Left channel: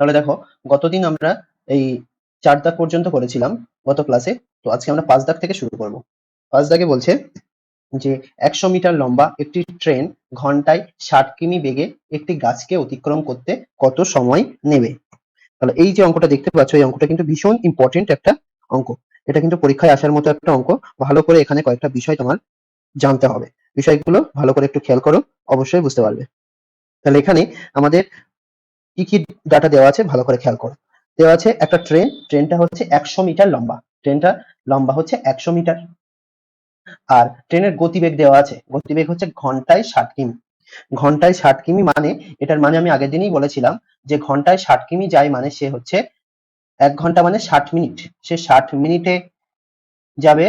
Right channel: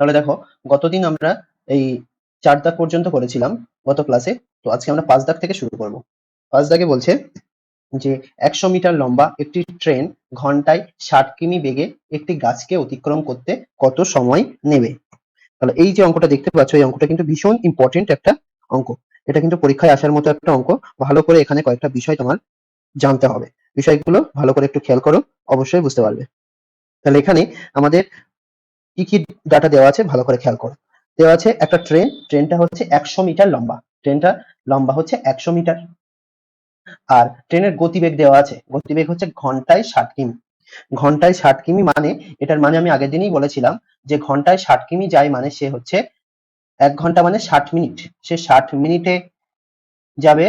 তাহলে দেখো, গতদিন আমরা এই 4 দাগ পর্যন্ত করেছিলাম গত ক্লাসে। তো আজকে আমরা 5 দাগ থেকে শুরু করব। 5 দাগে বলছে যে 100 মিটার লম্বা একটি ট্রেন ঘন্টায় 60 কিমি বেগে একটি গাছকে অতিক্রম করতে কত সময় নেবে? তাহলে এই যে অঙ্কটা দেখতে পাচ্ছ, এই অঙ্কটা কিন্তু ভীষণ ইম্পর্টেন্ট একটা অঙ্ক। এটা কিন্তু পরীক্ষায় আসার মতো একটা অঙ্ক। ভালো করে এখানে কয়েকটা বিষয় তোমার জানতে হবে। বিষয়গুলো ভালো করে একটু খেয়াল করো, অবশ্যই বুঝতে পারবে। তাহলে এখানে আমাদের কি কি ডাটা দেওয়া আছে ভালো করে খেয়াল করো। দেওয়া আছে একটা ট্রেনটা হচ্ছে 100 মিটার লম্বা। ট্রেনটা লম্বা হচ্ছে 100 মিটার। আর ট্রেনের গতিবেগ দেওয়া আছে, গতিবেগ হচ্ছে ঘন্টায় 60 কিমি। ঘন্টায় 60 কিমি মানে, এটার মানে আমি আগের দিনই বলেছিলাম যে ঘন্টায় 60 কিমি যায় মানে সে হচ্ছে 1 ঘন্টা মানে 60 মিনিট। সে 60 মিনিটে যাবে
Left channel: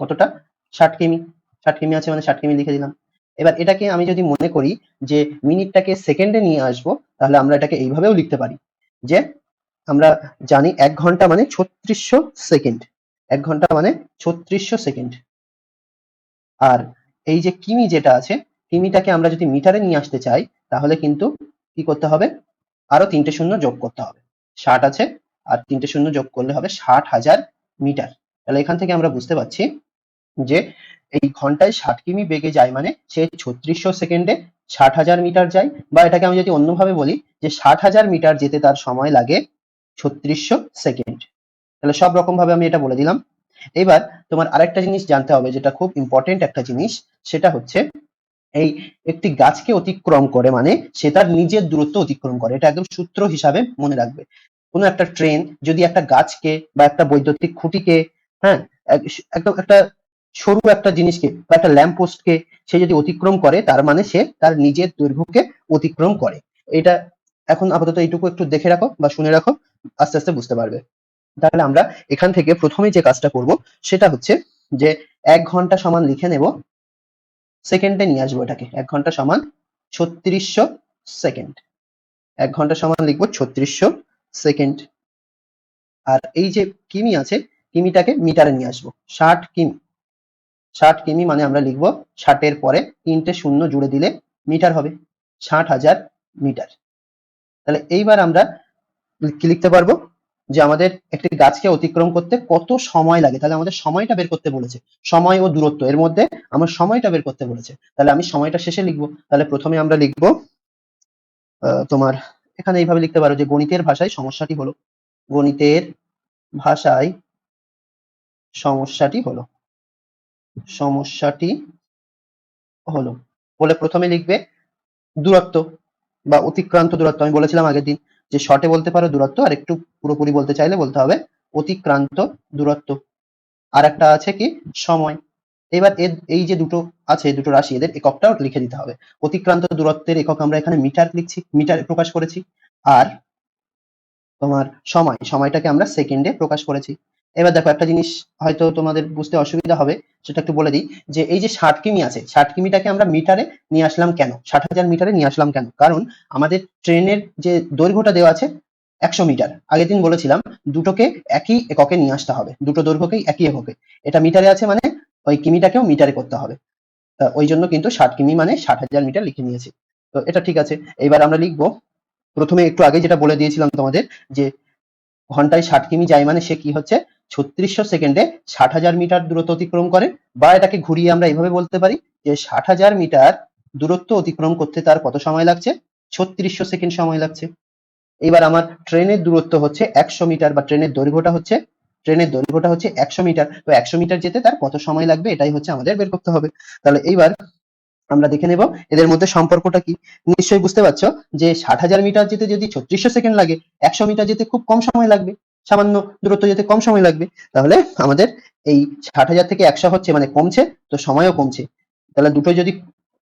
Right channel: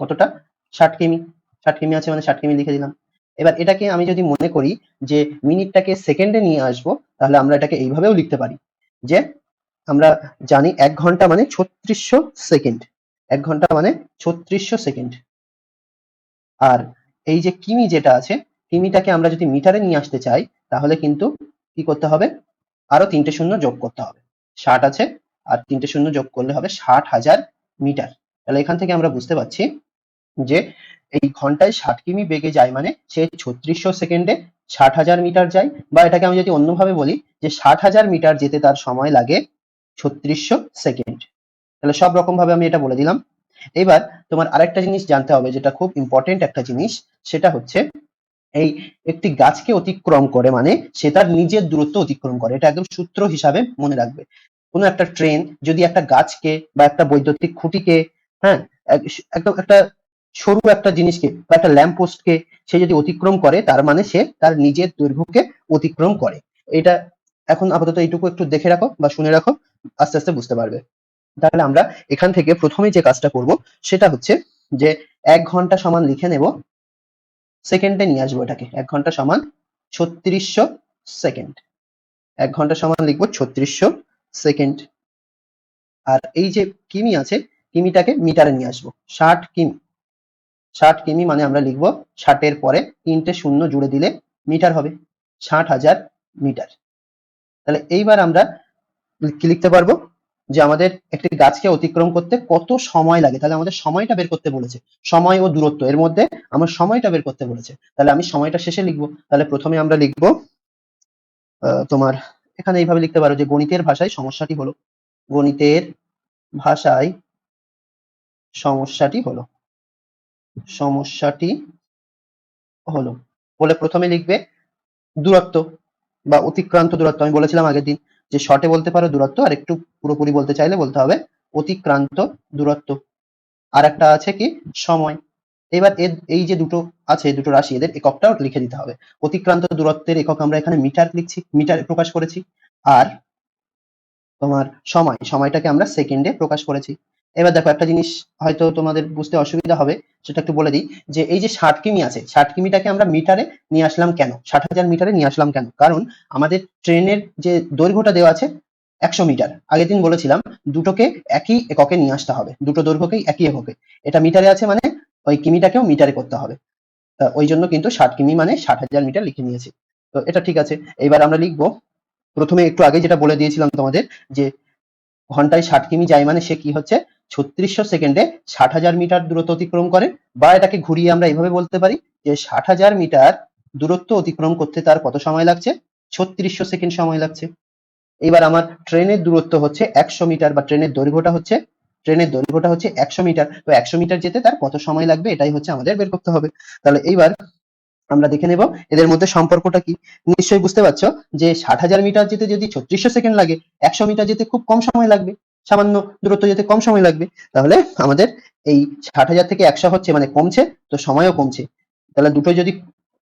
কতটা? 60 কিমি। 60 কিমি আছে মানে 60 কিমি লিখে দিলাম। এবার এটাকে আমি যদি মনে করি যে মিনিটটাকে সেকেন্ডে নিয়ে আসবো, তাহলে আমরা এটাকে এইভাবেও লিখতে পারি যে আমরা জানি 1 ঘন্টা মানে 3600 সেকেন্ড। 1 ঘন্টা মানে 3600 সেকেন্ড। আর এই যে কিমি যেটা আছে, কিমিটাকে আমরা যদি মিটারে নিয়ে আসতে চাই, তাহলে কিন্তু কি করতে হবে? আরো 3টে শূন্য যোগ করতে হবে। 60 আছে, আর 3টে শূন্য যোগ করলে হবে 60,000 মিটার। তাহলে এখান থেকে আমরা বুঝতে পারছি যে এই ঘন্টায় 60 কিমি বেগে যায় মানে সে 3600 সেকেন্ডে 60,000 মিটার যায়। বা এটাকে আমি যদি অন্যভাবে বলি যে 60,000 মিটার যেতে তার সময় লাগে 3600 সেকেন্ড। তাহলে সব রকম ভাবে আমি এটা বলে দিলাম। এবার তোমার আরেকটা জিনিস জানতে হবে, যেটা খুব ইম্পর্টেন্ট একটা জিনিস, সেটা হচ্ছে এই একটি গাছকে অতিক্রম করে মানে সে তার নিজের দূরত্ব অতিক্রম করে। এটা একদম সূত্র হিসাবে মনে রাখবে। কোনো একটা ট্রেন যদি একটা গাছকে বা একটা বৈদ্যুতিক খুঁটিকে, হ্যাঁ, একদম একটা সরু একটা জিনিসকে বা একটা ল্যাম্প পোস্টকে সে যদি অতিক্রম করে, তার মানে সে তার নিজের দৈর্ঘ্যকে অতিক্রম করে। এটা এখন আপাতত এইটুকু একটু দেখে রাখো বা শুনে রাখো, আস্তে আস্তে বুঝতে পারবে। তাহলে আমরা এখান থেকে প্রথমে যে কাজটা করব সেটা হচ্ছে যে 1 ঘন্টা সমান লিখে নেব, সেকেন্ডে নিয়ে আসবো এটাকে। 1 ঘন্টা সমান 3600 সেকেন্ড। 1 ঘন্টা সমান লিখবো 3600 সেকেন্ড। আর এই যে কিমি আছে, কিমিটাকে মিটারে নিয়ে আসবো। 60 কিমি। 60 কিমি মানে আমরা লিখবো 60 এর পরে 3টে শূন্য জুড়ে দিলে মিটার হবে। 60,000 মিটার। তাহলে এইবার আমরা কি লিখতে পারবো যে আমাদের একটি গাছকে অতিক্রম করতে কত সময় লাগে। তাহলে আমাদের সময়টা বের করতে বলেছে। সময় ও দূরত্ব এর মধ্যে আমার সময়টা বের করতে বলেছে। তাহলে আমি সময়টা শেষে লিখবো। তাহলে প্রথমে আমরা লিখবো তোমার এখানে এইভাবে লিখতে পারো যে গণিতের ভাষায় সমস্যাটি হলো। গণিতের ভাষায় সমস্যাটি হলো। সমস্যাটি হলো বলে প্রথমে লিখবে দূরত্ব বা অতিক্রান্ত দূরত্ব। আমি বলেছিলাম আগের দিন যে শর্টে বলতে পারো দূরত্ব, আর একটু পুরোপুরি বলতে চাইলে বলতে হবে অতিক্রান্ত দূরত্ব। আর একটা আছে কি? সময়। এবার এই যে দুটো আছে, দুটো রাশি, এদের এককটাও লিখে দিতে হবে। অতিক্রান্ত দূরত্বের একক আমরা এখানে মিটার লিখছি, মিটার প্রকাশ করেছি। আর তোমার সময়টাকে আমরা সেকেন্ডে প্রকাশ করেছি। এবার দেখো একটা জিনিস হয়তো তোমাদের বুঝতে অসুবিধা হবে, সেটা একটু বলে দিই যে এই যে 60 কিমি আছে, 60 কিমিটাকে আমরা মিটারে নিয়ে আসলাম কেন? 60,000 মিটারে নিয়ে আসলাম কেন? কারণ আমাদের ট্রেনের যে দৈর্ঘ্যটা দেওয়া আছে 100 মিটার। আগের দিন বলেছিলাম দুটোকে একই এককে নিয়ে আসতে হবে, দুটো দৈর্ঘ্যকেই একই এককে। এটা মিটারে আছে মানে ওই কিমিটাকেও মিটারে করতে হবে। ওই জন্য কিন্তু 60 কিমি মানে 60,000 মিটার লিখে নিয়েছি। তো এটা ঠিক আছে। এইবার আমরা লিখবো প্রথমে একটু আগে যেটা বলে দিয়েছিলাম তোমাদের যে ঘন্টায় 60 কিমি যায় মানে সে কি হচ্ছে 3600 সেকেন্ডে 60,000 মিটার দূরত্ব অতিক্রম করে। বা এটাকে ঘুরিয়ে আমরা এইভাবে বলতে পারি যে 60,000 মিটার দূরত্ব অতিক্রম করতে তার কত সময় লাগছে? 3600 সেকেন্ড সময় লাগছে। এবার আমার ট্রেনের দূরত্ব হচ্ছে 100 মিটার বা ট্রেনের দৈর্ঘ্যটা হচ্ছে 100 মিটার। তো 100 মিটার যেতে তার কত সময় লাগবে, এটাই হচ্ছে আমাদের বের করতে হবে। তাহলে এইবার আমরা দেখে নেব এদের মধ্যে সম্পর্কটা কি। নিশ্চয়ই বুঝতে পারছো যে 60,000 মিটার যেতে যদি 3600 সেকেন্ড লাগে, 100 মিটার যেতে খুব কম সময় লাগবে, সামান্য দূরত্ব যেতে কম সময় লাগবে। তাহলে আমাদের এই 60,000 থেকে 100 হচ্ছে মানে কমছে, তো সময়ও কমছে। তাহলে দুটো যদি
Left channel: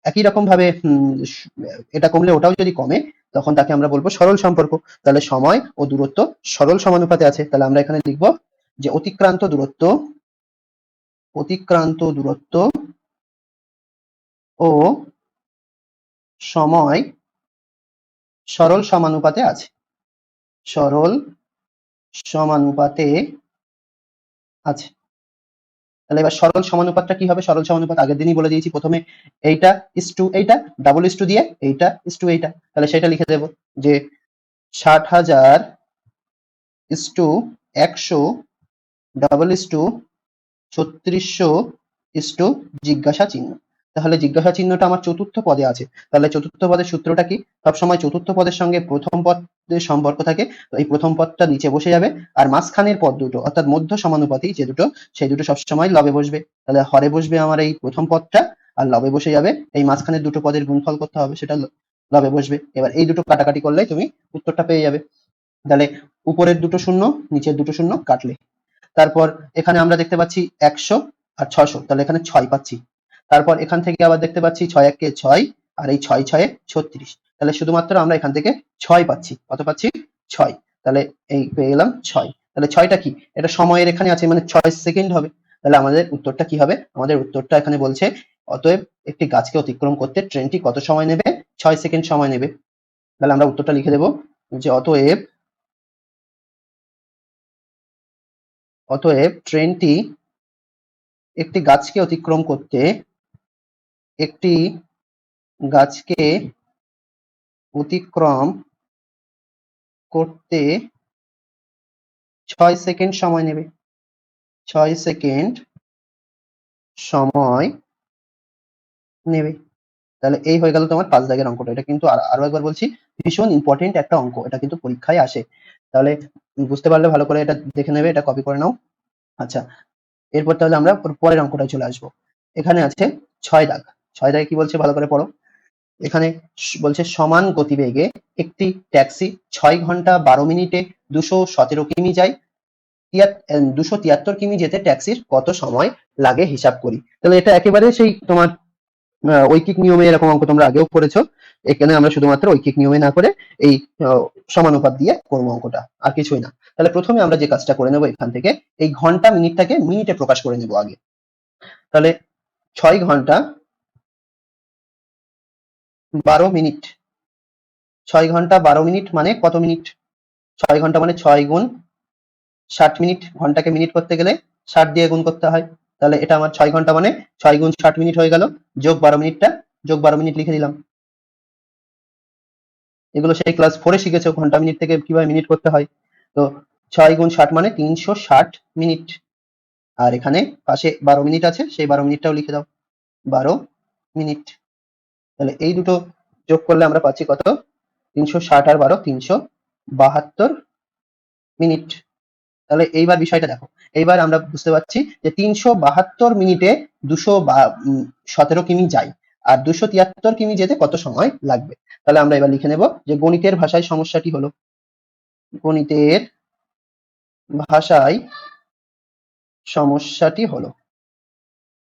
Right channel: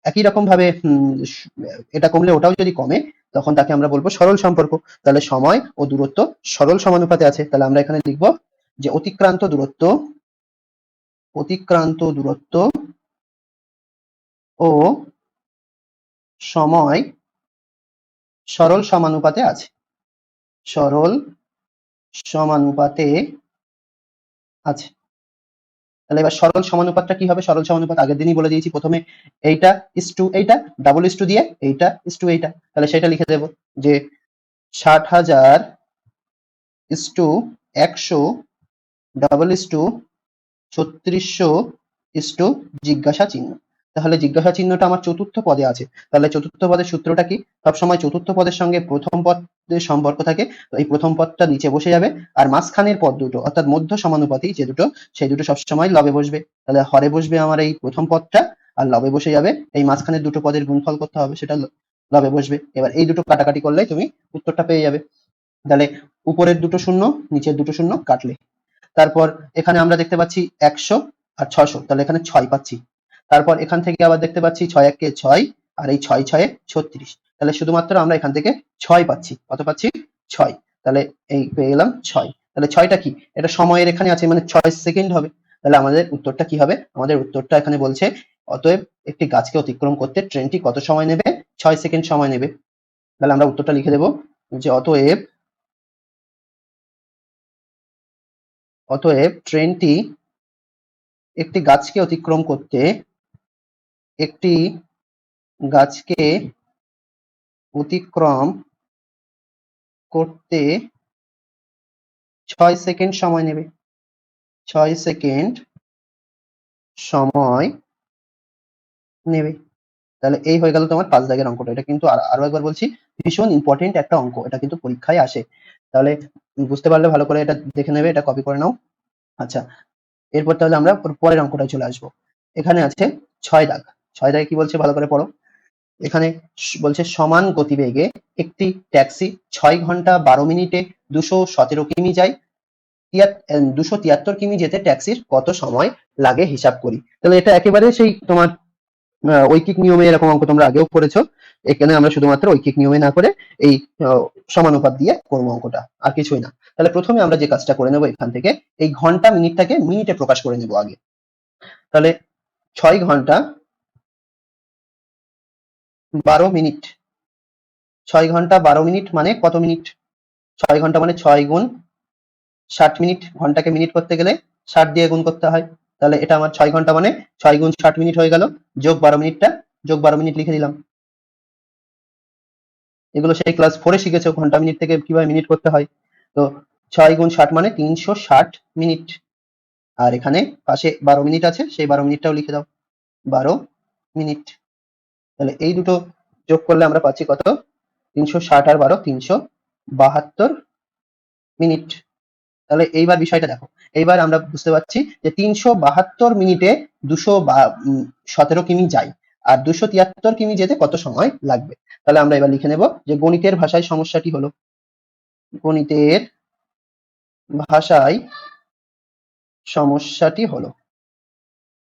একই রকম ভাবে এটা কমলে ওটাও যদি কমে, তখন তাকে আমরা বলবো সরল সম্পর্ক। তাহলে সময় ও দূরত্ব সরল সমানুপাতে আছে। তাহলে আমরা এখানে লিখবো যে অতিক্রান্ত দূরত্ব ও সময় সরল সমানুপাতে আছে। সরল সমানুপাতে আছে। তাহলে এবার সরল সমানুপাতটা কি হবে? সরল সমানুপাত আগের দিনই বলে দিয়েছি, প্রথমে এইটা ইস টু এইটা, ডাবল ইস টু দিয়ে এইটা ইস টু এইটা। তাহলে সেটা লিখে দেবো যে 60,000 ইস্টু 100 ডাবল ইস্টু 3600 ইস্টু জিজ্ঞাসা চিহ্ন। তাহলে জিজ্ঞাসা চিহ্নটা আমার চতুর্থ পদে আছে। তাহলে চতুর্থ পদের সূত্রটা কি? সবসময় চতুর্থ পদের সঙ্গে প্রথম পদের সম্পর্ক থাকে। তো এই প্রথম পদটা নিচে বসে যাবে, আর মাঝখানের পদ দুটো অর্থাৎ মধ্য সমানুপাতি যে দুটো, সেই দুটো সবসময় লবে বসবে। তাহলে হরে বসবে আমার এই প্রথম পদটা, আর লবে বসে যাবে এই মাঝখানের দুটো পদের গুণফল করতে হবে, সেটা লবে বসবে। এবার এই দুটো কাটাকাটি করলেই তুমি উত্তরটা পেয়ে যাবে। তাহলে উপরের দুটো শূন্য, নিচের দুটো শূন্য কাটলে, তারপর এখানে আমরা দেখতে পাচ্ছি 100 আর 600, তাহলে এখানে 6 পাচ্ছি। তারপর এখান থেকে আবার দেখতে পাচ্ছি 6 একে 6, আর এই 6 6 36, তাহলে শুধুমাত্র আমরা এখান থেকে 6 পাচ্ছি। কত পাচ্ছি? 6। তাহলে এই পেয়ে গেলাম 6। তাহলে 6টা কি? এটা সময়ের এখানে আছে, মানে 6 সেকেন্ড হবে। তাহলে আমাদের উত্তরটা কি হবে? আমাদের উত্তরটা এখানে বলছে অতএব একটি গাছকে অতিক্রম করতে ট্রেনটি কত সময় নেবে? 6 সেকেন্ড সময় নেবে। তাহলে আমরা উত্তরটা লিখে দেব যে অতএব ট্রেনটি একটি গাছকে অতিক্রম করতে একটি গাছকে অতিক্রম করতে 6 সেকেন্ড সময় নেবে। 6 সেকেন্ড সময় নেবে। তাহলে এই হয়ে গেল তোমার 5 দাগের অঙ্কটা। এটা কিন্তু আরো একবার বলছি, ভীষণ ইম্পর্টেন্ট একটা অঙ্ক। এটা কিন্তু পরীক্ষায় আসে। তাহলে বুঝতে পারলে ভালো করে এটা দেখে নেবে, এটা কপি করে নাও। আচ্ছা, এরপর তাহলে আমরা পরের অঙ্কটায় চলে আসবো। এখানে আছে 6 দাগ। 6 দাগে কি বলছে ভালো করে পড়ো। এখানে বলছে সমান গতিবেগে একটি ট্যাক্সি 6 ঘন্টা 12 মিনিটে 217 কিমি যায়। 273 কিমি যেতে ট্যাক্সির কত সময় লাগে হিসাব করি। তাহলে এটা একেবারে সেই তোমার ঐকিক নিয়মে, এরকম অঙ্ক তোমরা আগেও করেছো। এখানে আমরা শুধুমাত্র ঐকিক নিয়মে না করে এই সমানুপাত দিয়ে করবো অঙ্কটা, আর কিছুই না। তাহলে প্রথমে আমরা যে কাজটা করে নেবো, এখান থেকে এই ঘন্টা মিনিটটাকে মিনিটে প্রকাশ করে নেবো আগে। তাহলে 6 ঘন্টা 12 মিনিট, 6 ঘন্টা 12 মিনিট মানে কত মিনিট? 6 ঘন্টা মানে 6 গুণ 60 মিনিট। ঘন্টাকে মিনিট করতে গেলে 60 দিয়ে গুণ করতে হয়। তাহলে এটা আমার 6 ঘন্টা মানে 6 গুণ 60 মিনিট হয়ে গেল, যোগ 12 মিনিটটা, যোগ 12 মিনিট লিখে দিলাম। এগুলো সেই ক্লাস 4 এ শিখেছো, ঘন্টা মিনিট থেকে কিভাবে মিনিট করতে হয়। তো 6 গুণ 60 মানে 360 মিনিট। আর এখানে পাশে 12 মিনিট আছে, সেই 12 মিনিটটাও লিখে দাও, 12 মিনিট। তাহলে এই দুটো যোগ করলে আমরা পাচ্ছি কত? 360 আর 12 372 মিনিট। তাহলে এইবার বিষয়টা দেখো। এইবার আমরা বুঝতে পারছি যে 372 মিনিটে 217 কিমি যায়, আর 273 কিমি যেতে কত সময় লাগবে। তাহলে আমরা এবার লিখে নেব যে গণিতের ভাষায় সমস্যাটি হলো, গণিতের ভাষায় সমস্যাটি হলো,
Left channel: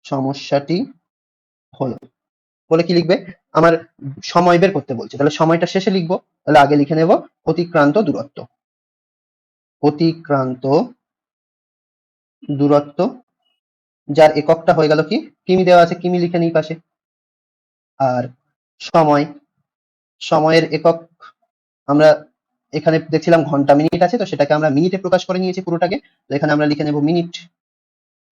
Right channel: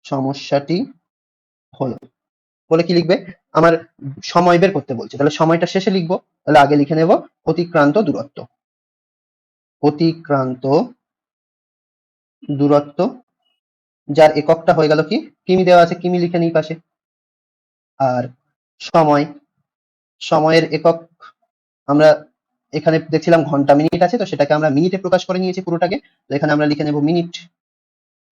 সমস্যাটি হলো বলে কি লিখবে? আমার সময় বের করতে বলছে, তাহলে সময়টা শেষে লিখবো। তাহলে আগে লিখে নেব অতিক্রান্ত দূরত্ব। অতিক্রান্ত দূরত্ব, যার এককটা হয়ে গেল কি? কিমি দেওয়া আছে, কিমি লিখে নিই পাশে। আর সময়, সময়ের একক আমরা এখানে দেখছিলাম ঘন্টা মিনিট আছে, তো সেটাকে আমরা মিনিটে প্রকাশ করে নিয়েছি পুরোটাকে। তো এখানে আমরা লিখে নেব মিনিট।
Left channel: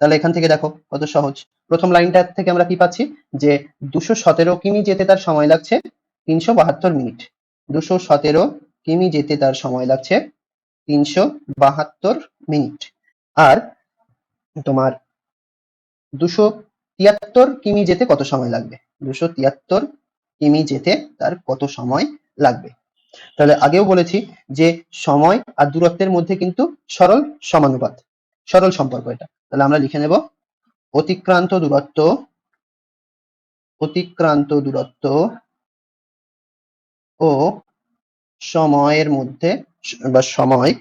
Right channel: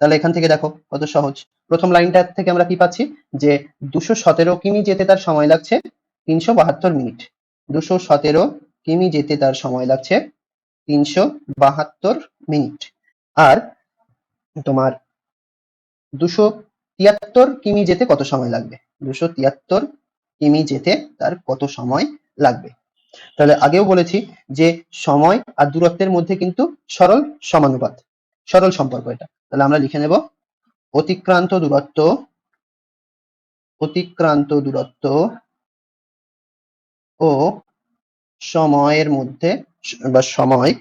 তাহলে এখান থেকে দেখো কত সহজ। প্রথম লাইনটা থেকে আমরা কি পাচ্ছি? যে 217 কিমি যেতে তার সময় লাগছে 372 মিনিট। 217 কিমি যেতে তার সময় লাগছে 372 মিনিট। আর তোমার 273 কিমি যেতে কত সময় লাগবে? 273 কিমি যেতে তার কত সময় লাগবে। তাহলে আগেও বলেছি যে সময় আর দূরত্বের মধ্যে কিন্তু সরল সমানুপাত, সরল সম্পর্ক এটা। তাহলে আমরা লিখে নেব অতিক্রান্ত দূরত্ব, অতিক্রান্ত দূরত্ব ও সময়ের মধ্যে বা সময়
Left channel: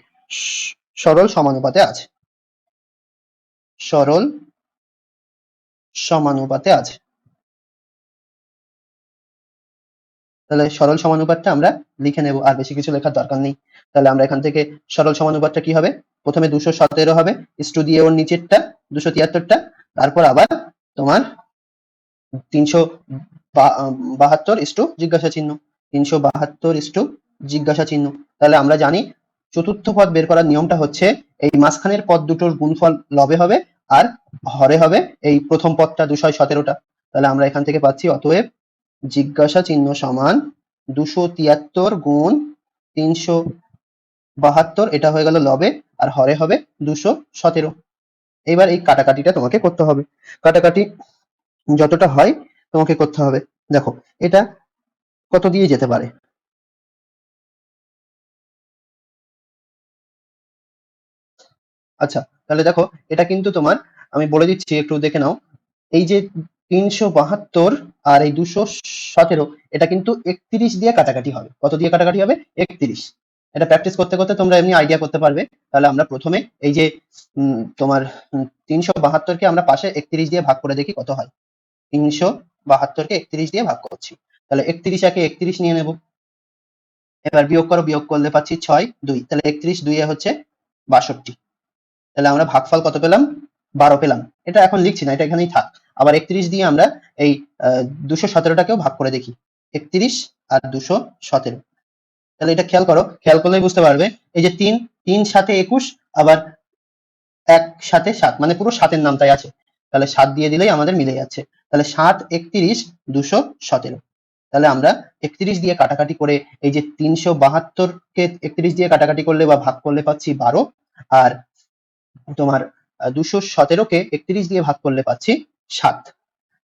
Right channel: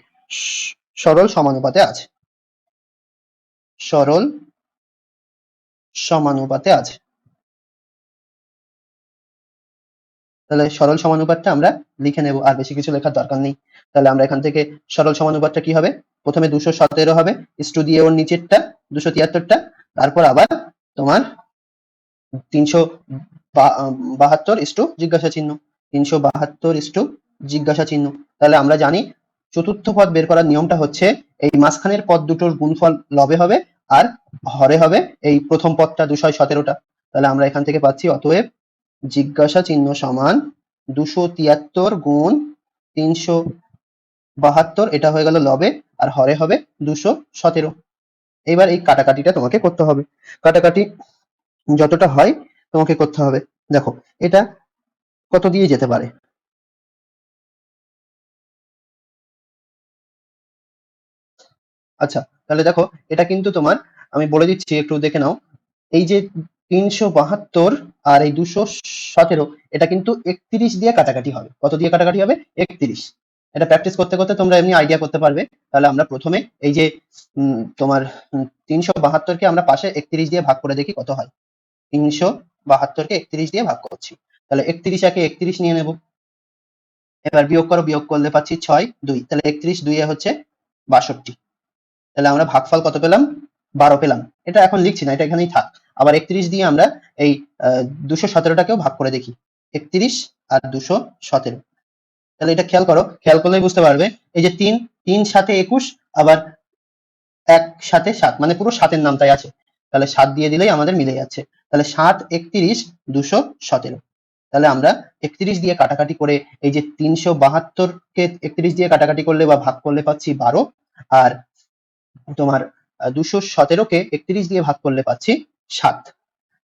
সরল সমানুপাতে আছে, সরল সমানুপাতে আছে। তাহলে সরল সমানুপাতটা আমরা লিখে নেব, আর বেশি কিছু লেখার দরকার নেই। তাহলে আমরা এখান থেকে সরল সমানুপাতটা কি হবে? প্রথমে 217 হবে, ইস্টু দিয়ে ওর নিচেরটা 273টা, তারপর আবার তোমার 372 ইস্টু জিজ্ঞাসা চিহ্ন, 372 ইস্টু জিজ্ঞাসা চিহ্ন। তাহলে আমরা জানি চতুর্থ পদ বের করার নিয়মটা হচ্ছে এই মাঝখানের পদ দুটোর গুণফল লবে হবে, আর হরে হবে এই প্রথম পদটা 217টা। তাহলে আমরা এখান থেকে পাচ্ছি অতএব জিজ্ঞাসা চিহ্ন সমান 273 গুণ 372, এটা হয়ে গেল লবে, আর হরে হবে 217। এবার এই কাটাকাটিটা তোমাকে করতে হবে। কাটাকাটি যতটা হয় তোমাকে করতে হবে। দেখো এটা কত দিয়ে যেতে পারে। আচ্ছা, তাহলে দেখো এটা কিন্তু তোমার, আমি বলে দিচ্ছি একটু দেখে নাও। এই যে 372 আর এই 217, এটা কিন্তু 31 দিয়ে কাটাকাটি হবে। কত দিয়ে কাটাকাটি হবে? 31। এটা প্র্যাকটিস করতে করতে তোমরা এমনি আইডিয়া করতে পারবে। তাহলে আমরা প্রথমে এই যে তোমার 372 কে আমরা পাশে 31 দিয়ে ভাগ করে দেখি কত হয়। 372 কে 31 দিয়ে ভাগ করছি, তাহলে 31 একে 31 নিয়ে নেব। এবার বিয়োগ করো, বিয়োগ করলে পাচ্ছি 6 2, তাহলে 31 2 এ হচ্ছে 62। তাহলে আমরা ভাগফল কত পেলাম? 12 পেলাম। এটা এখন লিখছি না, এটা এখানেই থাক। আবার 31 দিয়ে আমরা এই 217টাকেও ভাগ করে দেখি। 31 আর 217, তাহলে এটা খেয়াল করো, খেয়াল করলেই বুঝতে পারবে। এই যে 3 3 সাথে 21, আবার 1 সাথে 7, মানে পুরো 7-এর নামটাই আছে। তাহলে 7 দিয়ে দিলেই আমাদের মিলে যাচ্ছে। তাহলে 7 31 217। তাহলে আমরা 31 দিয়ে কাটাকাটি করে এই যে 372-কে 31 দিয়ে কাটাকাটি করলে বা ভাগ করলে পাচ্ছি 12, আর তোমার 217-কে 31 দিয়ে ভাগ করলে পাচ্ছি 7।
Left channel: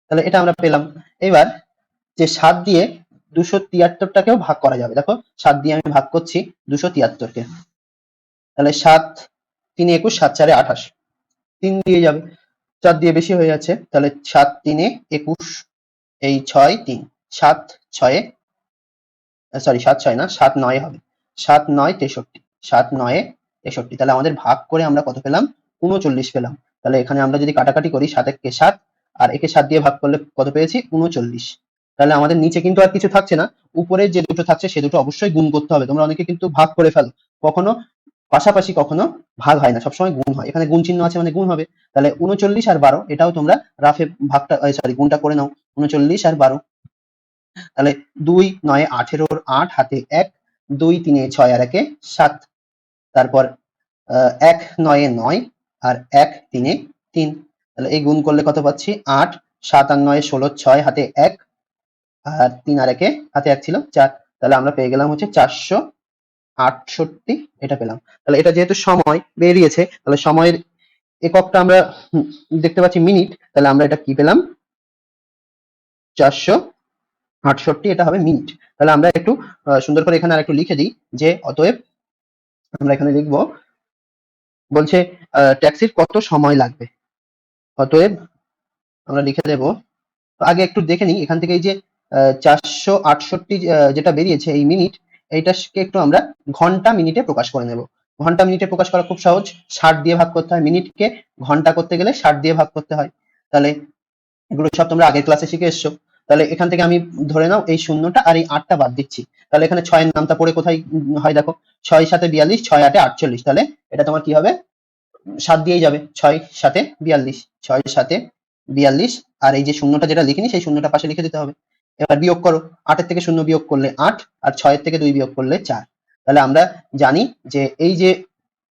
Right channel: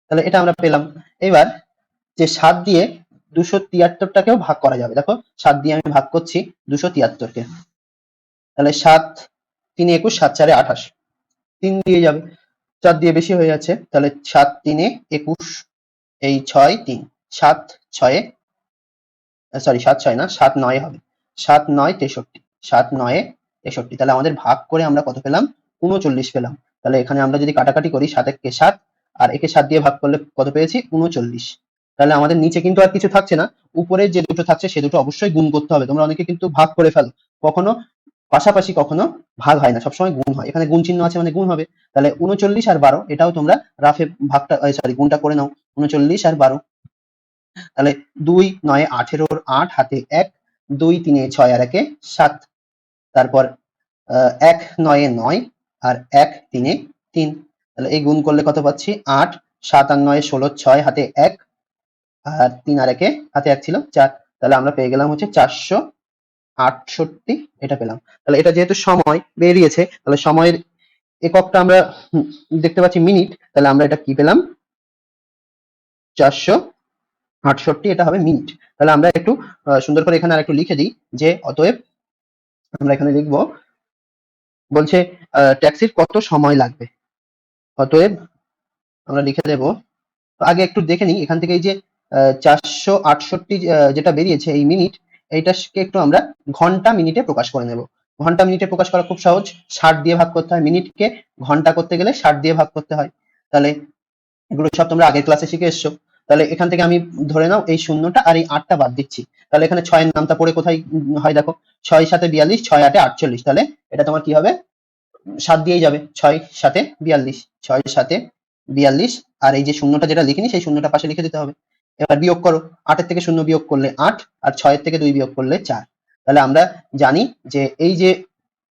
তাহলে এটা আমরা পেলাম। এবার যে 7 দিয়ে 273-টাকেও ভাগ করা যাবে। দেখো 7 দিয়ে আমি ভাগ করছি 273-কে, তাহলে 7 3 21, 7 4 28, 3 দিয়ে যাবে। 4 দিয়ে বেশি হয়ে যাচ্ছে, তাহলে 7 3 21, এই 6 3, 7 6, সরি 7 6 না, 7 9 হবে। 7 9 63, 7 9 63। তাহলে আমাদের ভাগ করে আমরা কত পেলাম? 39 পেলাম। তাহলে এখানে আমরা যদি কাটাকাটি করি, 7 একে 7 আর একে 7 দিয়ে ভাগ করলে কত পেয়েছি? 39। তাহলে আমাদের নিচে কিন্তু আর কিছু থাকছে না, উপরে যে দুটো থাকছে সে দুটো অবশ্যই গুণ করতে হবে। তোমরা অনেকে কিন্তু ভাগ করে ফেলো, কখনো পাশাপাশি কখনো ভাগ হয় না, সবসময় গুণ হয়। এখানে গুণ চিহ্ন আছে মানে গুণ হবে। তাহলে 39 আর 12, এটাও তোমরা রাফে ভাগটা সরি গুণটা করে নাও। 39 আর 12, তাহলে 2 9 18, 8 হাতে 1, 2 3 6 আর 1 7, তারপর 1 9 9 আর 1 3 3। তাহলে এই গুণ করলে কত পাচ্ছি? 8, 7 আর 9 16, 6 হাতে 1 আর 3 আর 1 হাতে 1 ছিল 4। তাহলে আমরা পেয়ে গেলাম হচ্ছে 468, এটা পেলাম। তাহলে এটা যেহেতু সময় বেরিয়েছে, তাহলে সময়ের এককটা আমরা দেখতে পাচ্ছি মিনিট। তাহলে আমরা এটা কি পেলাম? 468, এটা হবে মিনিট। তাহলে আমরা একটু সুন্দর করে এখানে আর একটু লিখে দিই যে অতএব আমরা এখানে লিখব, বলছে ট্যাক্সির কত সময় লাগবে। অতএব আমরা লিখে দেব, আগে একটু দেখে নিই এখান থেকে। এই যে 468 যেটা বেরিয়েছে এই মিনিট, এইটাকে একটু আমরা ঘন্টা মিনিটে প্রকাশ করে নেব। ঘন্টা মিনিটে প্রকাশ করা খুব সহজ, 60 দিয়ে ভাগ করতে হয়। মিনিটকে ঘন্টা করতে গেলে 60 দিয়ে ভাগ করতে হয়। তাহলে এগুলো সব তোমরা আগের ক্লাসে শিখে এসছো। তাহলে এখান থেকে আমি ধরে নাও এই শূন্যটা আর এই 8টা বাদ দিচ্ছি। তাহলে এখানে 6 এর নামটা পড়ে কোথায় হয় দেখো, 6 7 42, 6 8 48। তাহলে এটা তোমার কি হবে? 7 দিয়েই যাবে, 6 7 42, 6 7 42, আর এই যে শূন্যটা যেটা লিখিনি সেই শূন্যটা পাশে লিখে দিতে হবে। এবার বিয়োগ করো, 8 এর থেকে 0 বিয়োগ করলে 8, আর 6 এর থেকে 2 বিয়োগ করলে 4। তাহলে আমরা জানি যে এই যে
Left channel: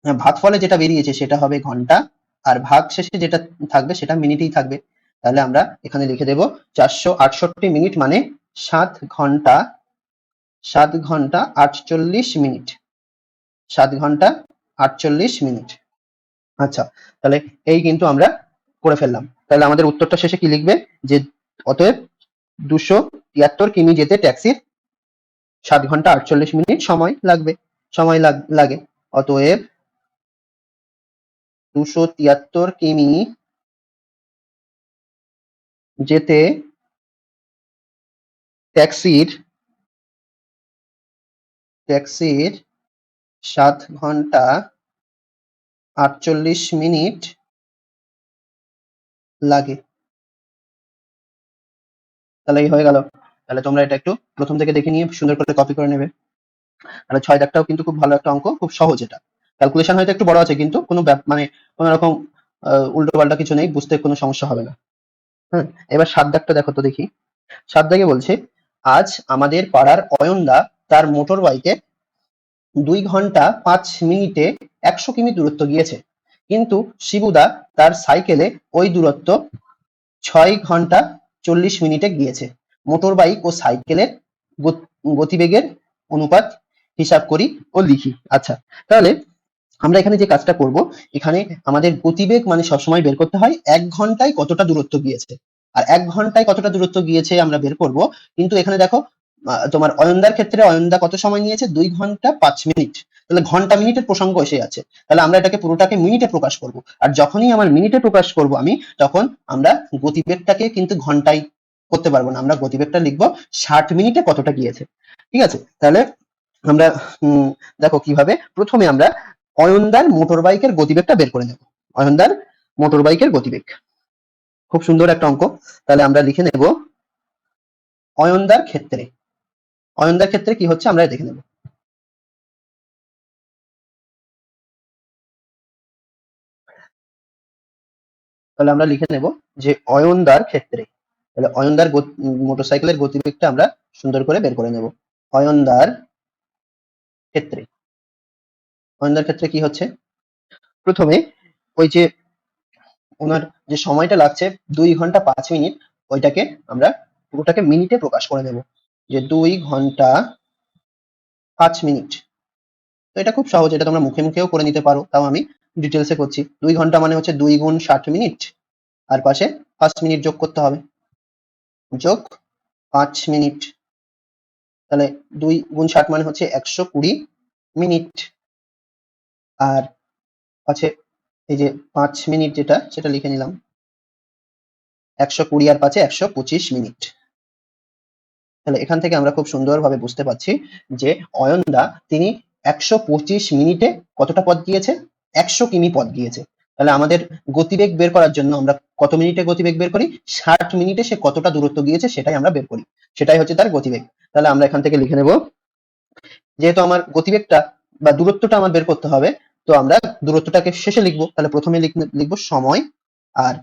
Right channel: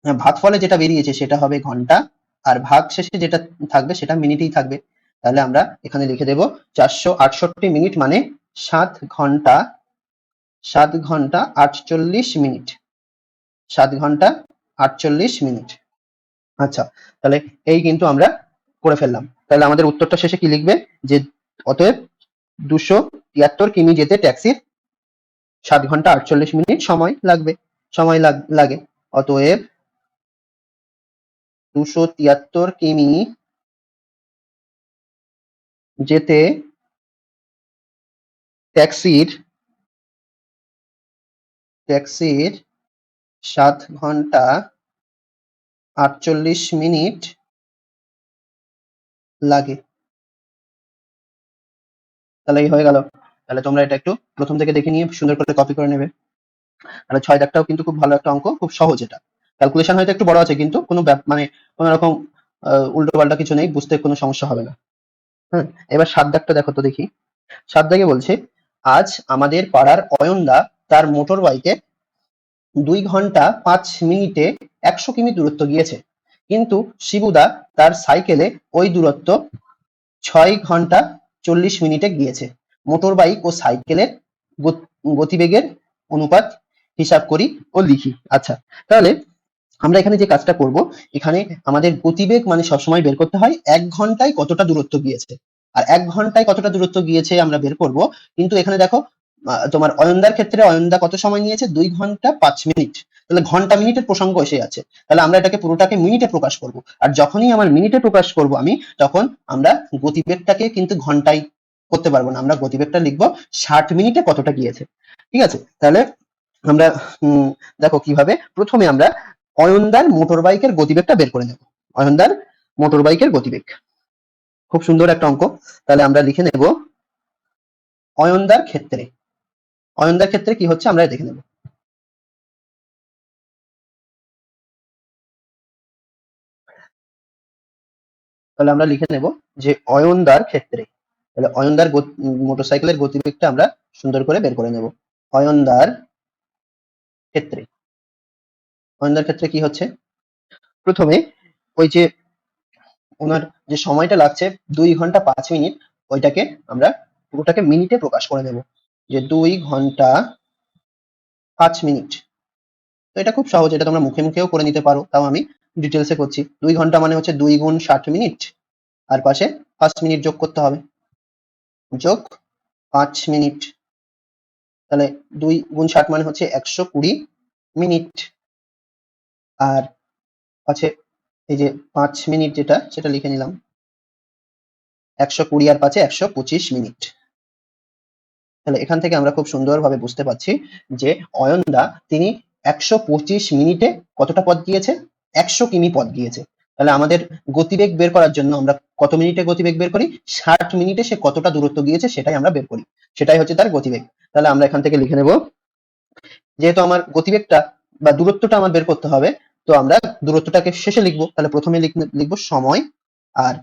ভাগফলে যেটা বেরিয়েছে সেটা হবে ঘন্টা, আর ভাগ শেষে যেটা থাকবে সেটা মিনিটেই থাকবে। তাহলে আমরা এখানে লিখে দেব 468 মিনিট মানে 7 ঘন্টা 7 ঘন্টা 48 মিনিট, 7 ঘন্টা 48 মিনিট। আচ্ছা, তাহলে এই কিন্তু আমরা করে ফেললাম। তাহলে আমাদের উত্তরটা শেষে কি লিখবে? যে অতএব 273 কিমি যেতে ট্যাক্সির 7 ঘন্টা 48 মিনিট সময় লাগবে, সময় লাগে। অতএব 273 কিমি যেতে ট্যাক্সির 7 ঘন্টা 48 মিনিট লাগে। তাহলে এই হয়ে গেল। তাহলে তোমরা এটা একটু প্রথম থেকে দেখে নিয়ে সুন্দর করে কপি করে নেবে। তাহলে 6 দাগটাও কিন্তু খুব ভালো একটা অঙ্ক, খুব সহজ। এটা ক্যালকুলেশন হয়তো একটু বড় আছে, কিন্তু কোনো মানে কোনো রকম উল্টো পাল্টা কিছু নেই, বুঝতে কোনো সমস্যা হবে না। হ্যাঁ, এবার 7 দাগটা দেখো তো দেখি। 7 দাগে বলছে, আজ আমাদের পাড়ার অয়নদা তার মোটর বাইকে 2 ঘন্টা 5 মিনিটে 100 কিমি দূরত্ব গিয়েছে, কিন্তু শিবুদা তার সাইকেলে ওই দূরত্ব 6 ঘন্টা 40 মিনিটে গিয়েছে। মোটর বাইক ও সাইকেলের গতিবেগের অনুপাত হিসাব করি ও লিখি। আচ্ছা, তাহলে আমরা এখানে যে কাজটা করব, এখানে আমাদের গতিবেগ মানে সবসময় বের করতে হয় ১ ঘন্টায় কতটা দূরত্ব গিয়েছে। আর ১ ঘন্টায় কতটা দূরত্ব গিয়েছে আমরা বের করব। কিন্তু এখানে দেখো তোমার অয়নদার ক্ষেত্রে অয়নদা কত সময় নিয়েছে? ২ ঘন্টা ৫ মিনিট। তাহলে ঘন্টা মিনিটের প্রসঙ্গ এসে আছে। তাহলে আমরা এটাকে পুরোটাকে মিনিটে প্রকাশ করব। আর যখনই আমার মিনিটে প্রকাশ করব আমি, তখন আমরা গতিবেগটাকে কিন্তু ঘন্টায় করতে পারবো না। আমরা গতিবেগটা লিখব ৬০ মিনিটে কতটা গিয়েছে। ঠিক আছে? তাহলে আমরা দেখো কিভাবে, প্রথমে আমরা অয়নদার মোটর বাইকের গতিবেগটা বের করে নেব। অয়নদার মোটর বাইকের গতিবেগ, খুব সুন্দর একটা অঙ্ক। তাহলে আমরা লিখে নেব অয়নদার ক্ষেত্রে। অয়নদার ক্ষেত্রে কি হচ্ছে আমরা দেখে নেব। তাহলে আমরা লিখে নেব যে অয়নদার ক্ষেত্রে, তাহলে অয়নদার মোটরসাইকেলের গতিবেগটা আমরা সুন্দর করে বের করে নেব। অয়নদার ক্ষেত্রে, অয়নদার ক্ষেত্রে কি হচ্ছে, প্রথমে ওই যে ওনার যে সময়টা লাগছে ২ ঘন্টা ৫ মিনিট, ওইটাকে আমরা পুরোটাকে মিনিটে প্রকাশ করে নেব। যে ২ ঘন্টা ৫ মিনিট। তো এটা খুব সহজ, এটা তোমরা মুখে মুখেও করে নিতে পারো, তাও আমি ডিটেলসে করছি। ২ ঘন্টা মানে হচ্ছে ২ গুণ ৬০ মিনিট, আর পাশে ৫ মিনিট যোগ করতে হবে, যোগ ৫ মিনিট। তাহলে ২ গুণ ৬০ মানে হচ্ছে ১২০ মিনিট। আর পাশে এই যে ৫ মিনিট যেটা, সেটা লিখে নিলাম। ১২০ আর পাশে ১২৫ মিনিট। তাহলে এখান থেকে আমরা খুব সুন্দরভাবে বুঝতে পারছি যে অয়নদা তিনি ১২৫ মিনিটে কতটা পথ গিয়েছে? ১০০ কিমি পথ গিয়েছে। তাহলে আমাদের গতিবেগ বের করার জন্য আমরা কত মিনিটে গতিবেগ বের করি? ৬০ মিনিটে সে কতটা দূরত্ব গিয়েছে সেটাই আমরা বের করি। সেটাই হচ্ছে তার গতিবেগ। তাহলে আমরা এখান থেকে লিখে নেব, যেহেতু আমার গতিবেগটা বা দূরত্বটা আমার বের করতে হবে, তো আমরা দূরত্বটাকে শেষে লিখবো। তাহলে প্রথমে লিখবো সময়, আর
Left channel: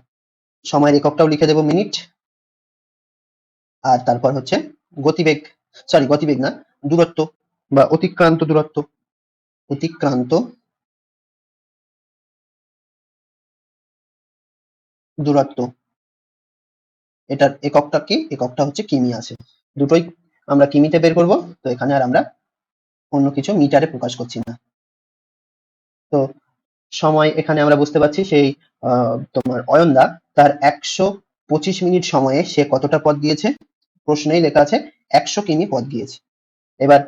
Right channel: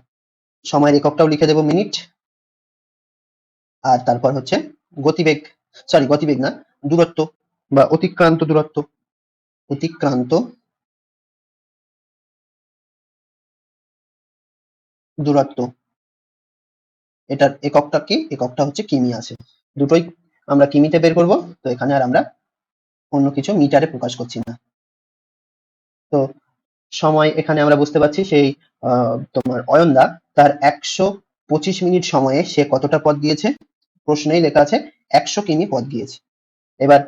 সময়ের এককটাও লিখে দেব মিনিট, আর তারপর হচ্ছে গতিবেগ, সরি গতিবেগ না, দূরত্ব বা অতিক্রান্ত দূরত্ব, অতিক্রান্ত দূরত্ব, এটার এককটা কি? এককটা হচ্ছে কিমি আছে। দুটোই আমরা কিমিতে বের করব। তো এখানে আর আমরা অন্য কিছু মিটারে প্রকাশ করছি না। তো সময় এখানে আমরা বুঝতে পারছি সেই তোমার অয়নদা তার ১২৫ মিনিট সময়ে সে কতটা পথ গিয়েছে? প্রশ্নেই লেখা আছে ১০০ কিমি পথ গিয়েছে। এবার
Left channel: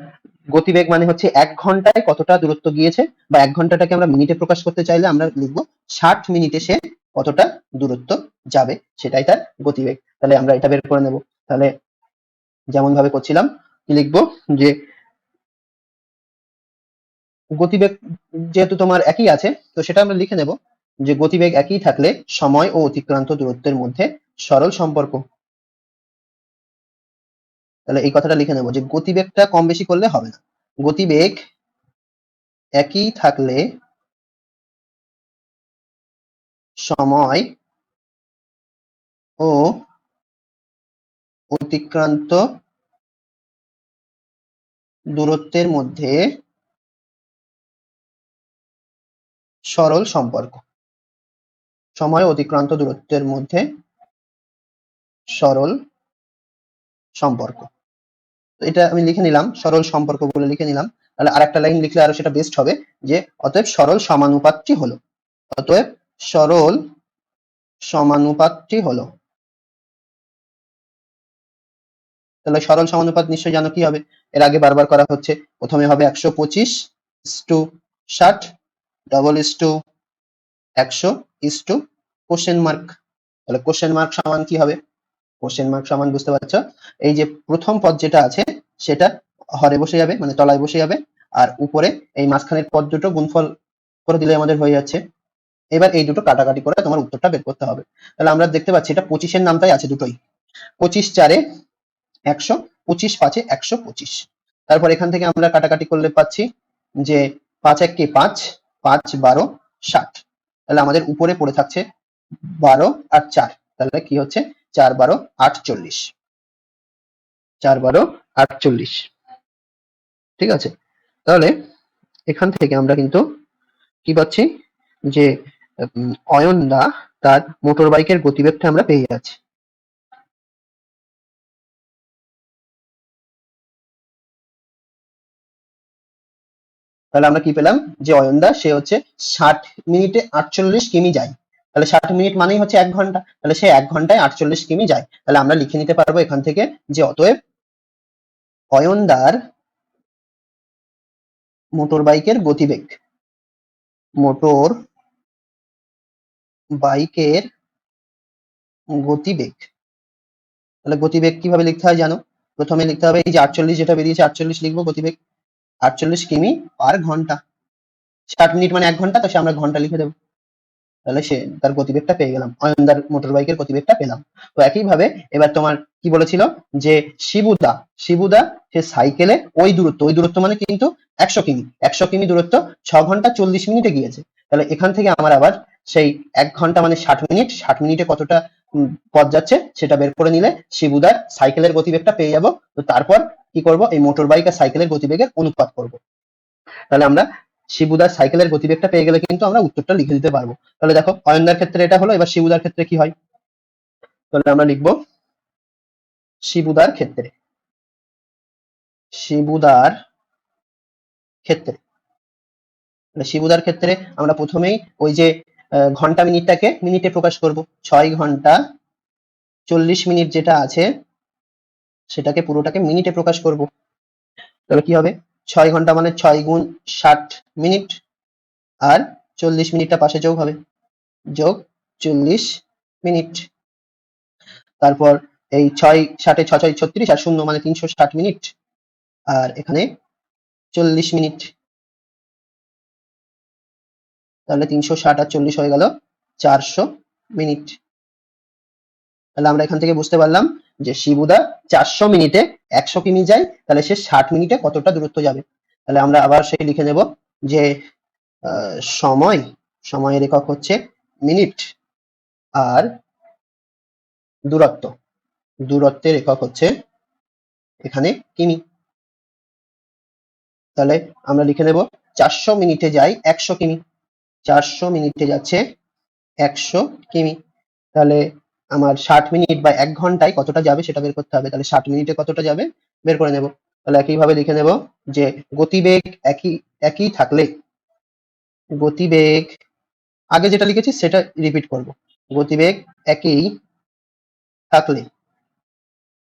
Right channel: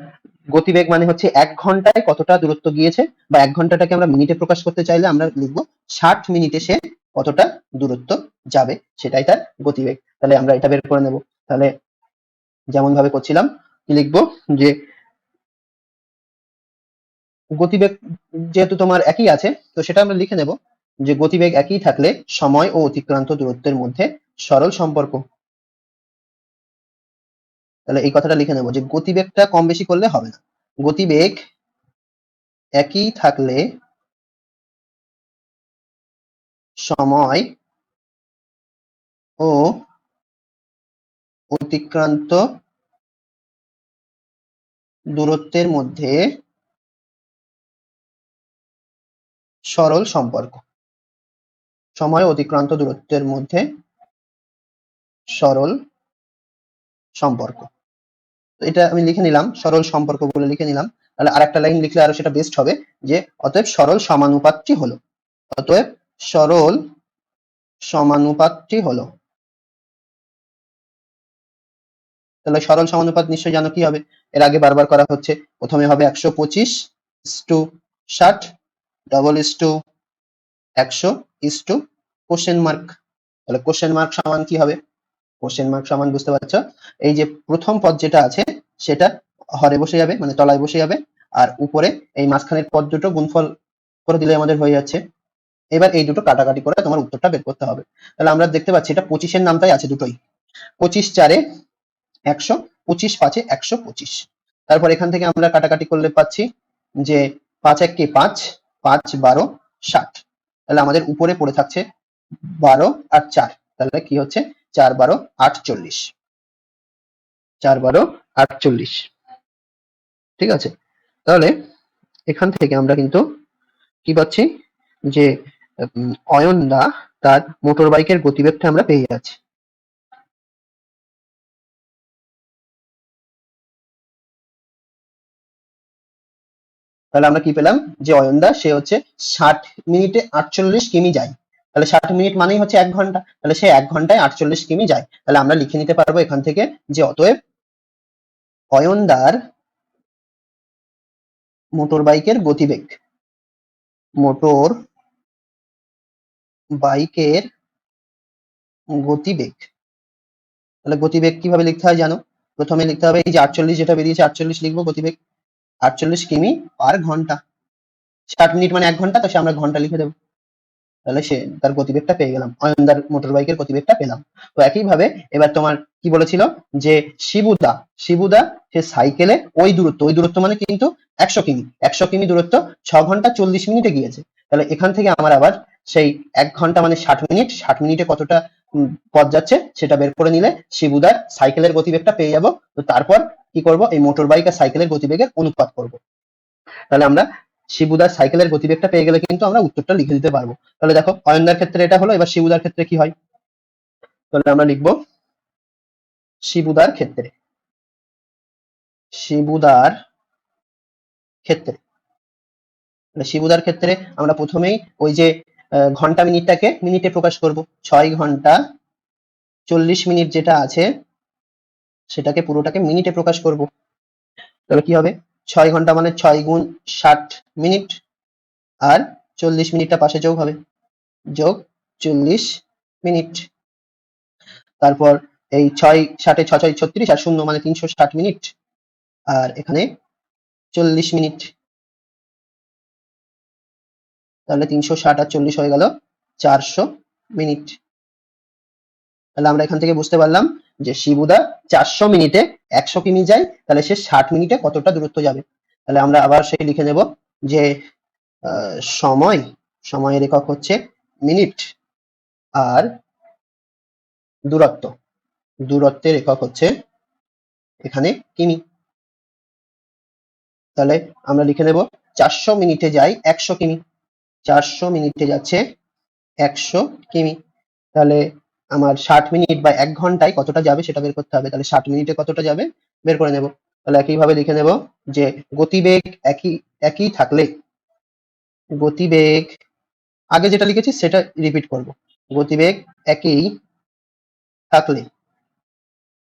গতিবেগ মানে হচ্ছে ১ ঘন্টায় কতটা দূরত্ব গিয়েছে, বা ১ ঘন্টাটাকে আমরা মিনিটে প্রকাশ করতে চাইলে আমরা লিখবো ৬০ মিনিটে সে কতটা দূরত্ব যাবে, সেটাই তার গতিবেগ। তাহলে আমরা এটা বের করে নেব। তাহলে যেমন ভাবে করছিলাম, কি লিখবো, যে গতিবেগ যেহেতু তোমার একই আছে, তো সেটা আমরা লিখে নেব যে গতিবেগ একই থাকলে সময় ও অতিক্রান্ত দূরত্বের মধ্যে সরল সম্পর্ক। তাহলে এই কথাটা লিখে নেব যে গতিবেগটা কম বেশি করলে হবে না। গতিবেগ একই থাকলে সময় ও অতিক্রান্ত দূরত্বের মধ্যে সরল সম্পর্ক। সময় ও অতিক্রান্ত দূরত্বের মধ্যে সরল সম্পর্ক। তো এটা আমি লিখে নিলাম, সরল সম্পর্ক বলে লিখে নিলাম। তাহলে আরেকটা লাইন লিখলে আরো সেটা বেস্ট হবে, যে অতএব সরল সমানুপাতটি হলো, অতএব সরল সমানুপাতটি হলো। তাহলে সরল সমানুপাত নিশ্চয়ই জানো কি হবে, এর আগে বারবার করা হচ্ছে। প্রথমে হবে ১২৫:৬০, double is to ১০০ is to question mark. তাহলে কোশ্চেন মার্ক সমান কি হবে? কোশ্চেন মার্ক সমান বুঝতে পারছো, এই যে প্রথম পদ যেটা আছে সেটা হরে বসে যাবে, মানে তলায় বসে যাবে, আর উপরে এই মাঝখানের পদ দুটো গুণফল করে দিলে আমাদের হয়ে যাচ্ছে। এবার এই দুটো কাটাকাটি করে তোমার উত্তরটা বের করতে হবে। তাহলে আমরা দেখতে পাচ্ছি এটা 25-এর নামটাই আছে দুটোই। 25×4 100, 25×5 125। তারপর এখান থেকে আমরা কাটাকাটি করলে পাচ্ছি যে 5×1 5, 5×12 60। তাহলে আমাদের উপরে পড়ে থাকছে 12 আর 4, তাহলে কি হচ্ছে 4×12 48। 4×12 48। ঠিক আছে? তাহলে এখান থেকে আমরা কিন্তু কি পাচ্ছি, যে অয়নদা তার মোটর বাইকের গতিবেগটা আমরা পেয়ে যাচ্ছি। তাহলে আমরা কি পেলাম, যে অয়নদা সে হচ্ছে 60 মিনিটে 48 কিমি যায়। তাহলে 60 মিনিট মানেই হচ্ছে 1 ঘন্টা, তাহলে সে 1 ঘন্টায় 48 কিমি যায়। তাহলে আমরা লিখে নিতে পারবো এখান থেকে যে অতএব অয়নদার মোটর বাইকের গতিবেগ, মোটর বাইকের গতিবেগ, তাহলে গতিবেগ কিভাবে লিখতে হয় জানো? প্রথমে লিখতে হবে এই যে 48 যেটা বেরিয়েছে 48 কিমি পার ঘন্টা। 60 মিনিট মানে 1 ঘন্টা, তো সে আমরা ঘন্টা লিখে দেবো। তাহলে সে তার গতিবেগটা পেয়ে গেলাম, অয়নদার মোটর বাইকের গতিবেগটা পেলাম। তো একইভাবে এবার তোমার কি বলেছিল, যে শিবুদা, শিবুদা সে সাইকেলে ওই দূরত্ব মানে কিন্তু 100 কিমি, 100 কিমি দূরত্ব 6 ঘন্টা 40 মিনিটে গিয়েছে। তাহলে এখান থেকে আমার আবার সেই 1 ঘন্টা মানে 60 মিনিট, 60 মিনিটে কতটা পথ যাচ্ছে সেটা বের করে নিলে শিবুদার সাইকেলের গতিবেগটা পেয়ে যাব। তো তারপর কি করব, এই মোটর বাইক আর সাইকেলের গতিবেগের অনুপাত করব। তাহলে আমরা শিবুদার সাইকেলের গতিবেগটা পেয়ে গেলে কিন্তু আমরা উত্তরটা লিখে দিতে পারবো। তাহলে দেখো অয়নদার ক্ষেত্রে এটা হলো, এবার শিবুদার ক্ষেত্রে কি হয়, তাহলে আমরা লিখবো শিবুদার ক্ষেত্রে, শিবুদার ক্ষেত্রে, শিবুদার ক্ষেত্রে আমরা প্রথমেই ওই যে ঘন্টা মিনিটটাকে মিনিটে প্রকাশ করবো, 6 ঘন্টা 40 মিনিট যেটা আছে সেটাকে পুরোটাকে মিনিটে প্রকাশ করব। তাহলে কি হবে, 6 ঘন্টা মানে 6 গুণ 60 মিনিট, আর 40 মিনিটটা পাশে যোগ হবে, যোগ 40 মিনিট। তারপর এই 6 × 6 = 36 আর 0 মানে 360 মিনিট, আর এখানে 40 মিনিট। তাহলে 360 আর 40 হয়ে গেল 400 মিনিট। তাহলে আমরা এখান থেকে বুঝতে পারলাম যে শিবুদা 400 মিনিটে 100 কিমি যায়, তাহলে সে 60 মিনিটে কতটা দূরত্ব যাবে। তাহলে আমরা আবার সেই লিখে নেব যে সময়, সময়ের একক হচ্ছে মিনিট, আর দূরত্ব, দূরত্বের একক হচ্ছে এখানে কিমি। তাহলে আমরা লিখে নেব 400 মিনিটে যায় 100 কিমি, 400 মিনিটে যাচ্ছে 100 কিমি। তাহলে আমার 60 মিনিট বা 1 ঘন্টায় কতটা যাবে সেটা বের করতে হবে। তাহলে 60 মিনিটে কতটা যাবে বের করে নেব। তাহলে একইভাবে লিখে নেব যে গতিবেগ একই একই থাকলে, গতিবেগ আগে যেটা লিখেছি সেটা রিপিট করব, গতিবেগ একই থাকলে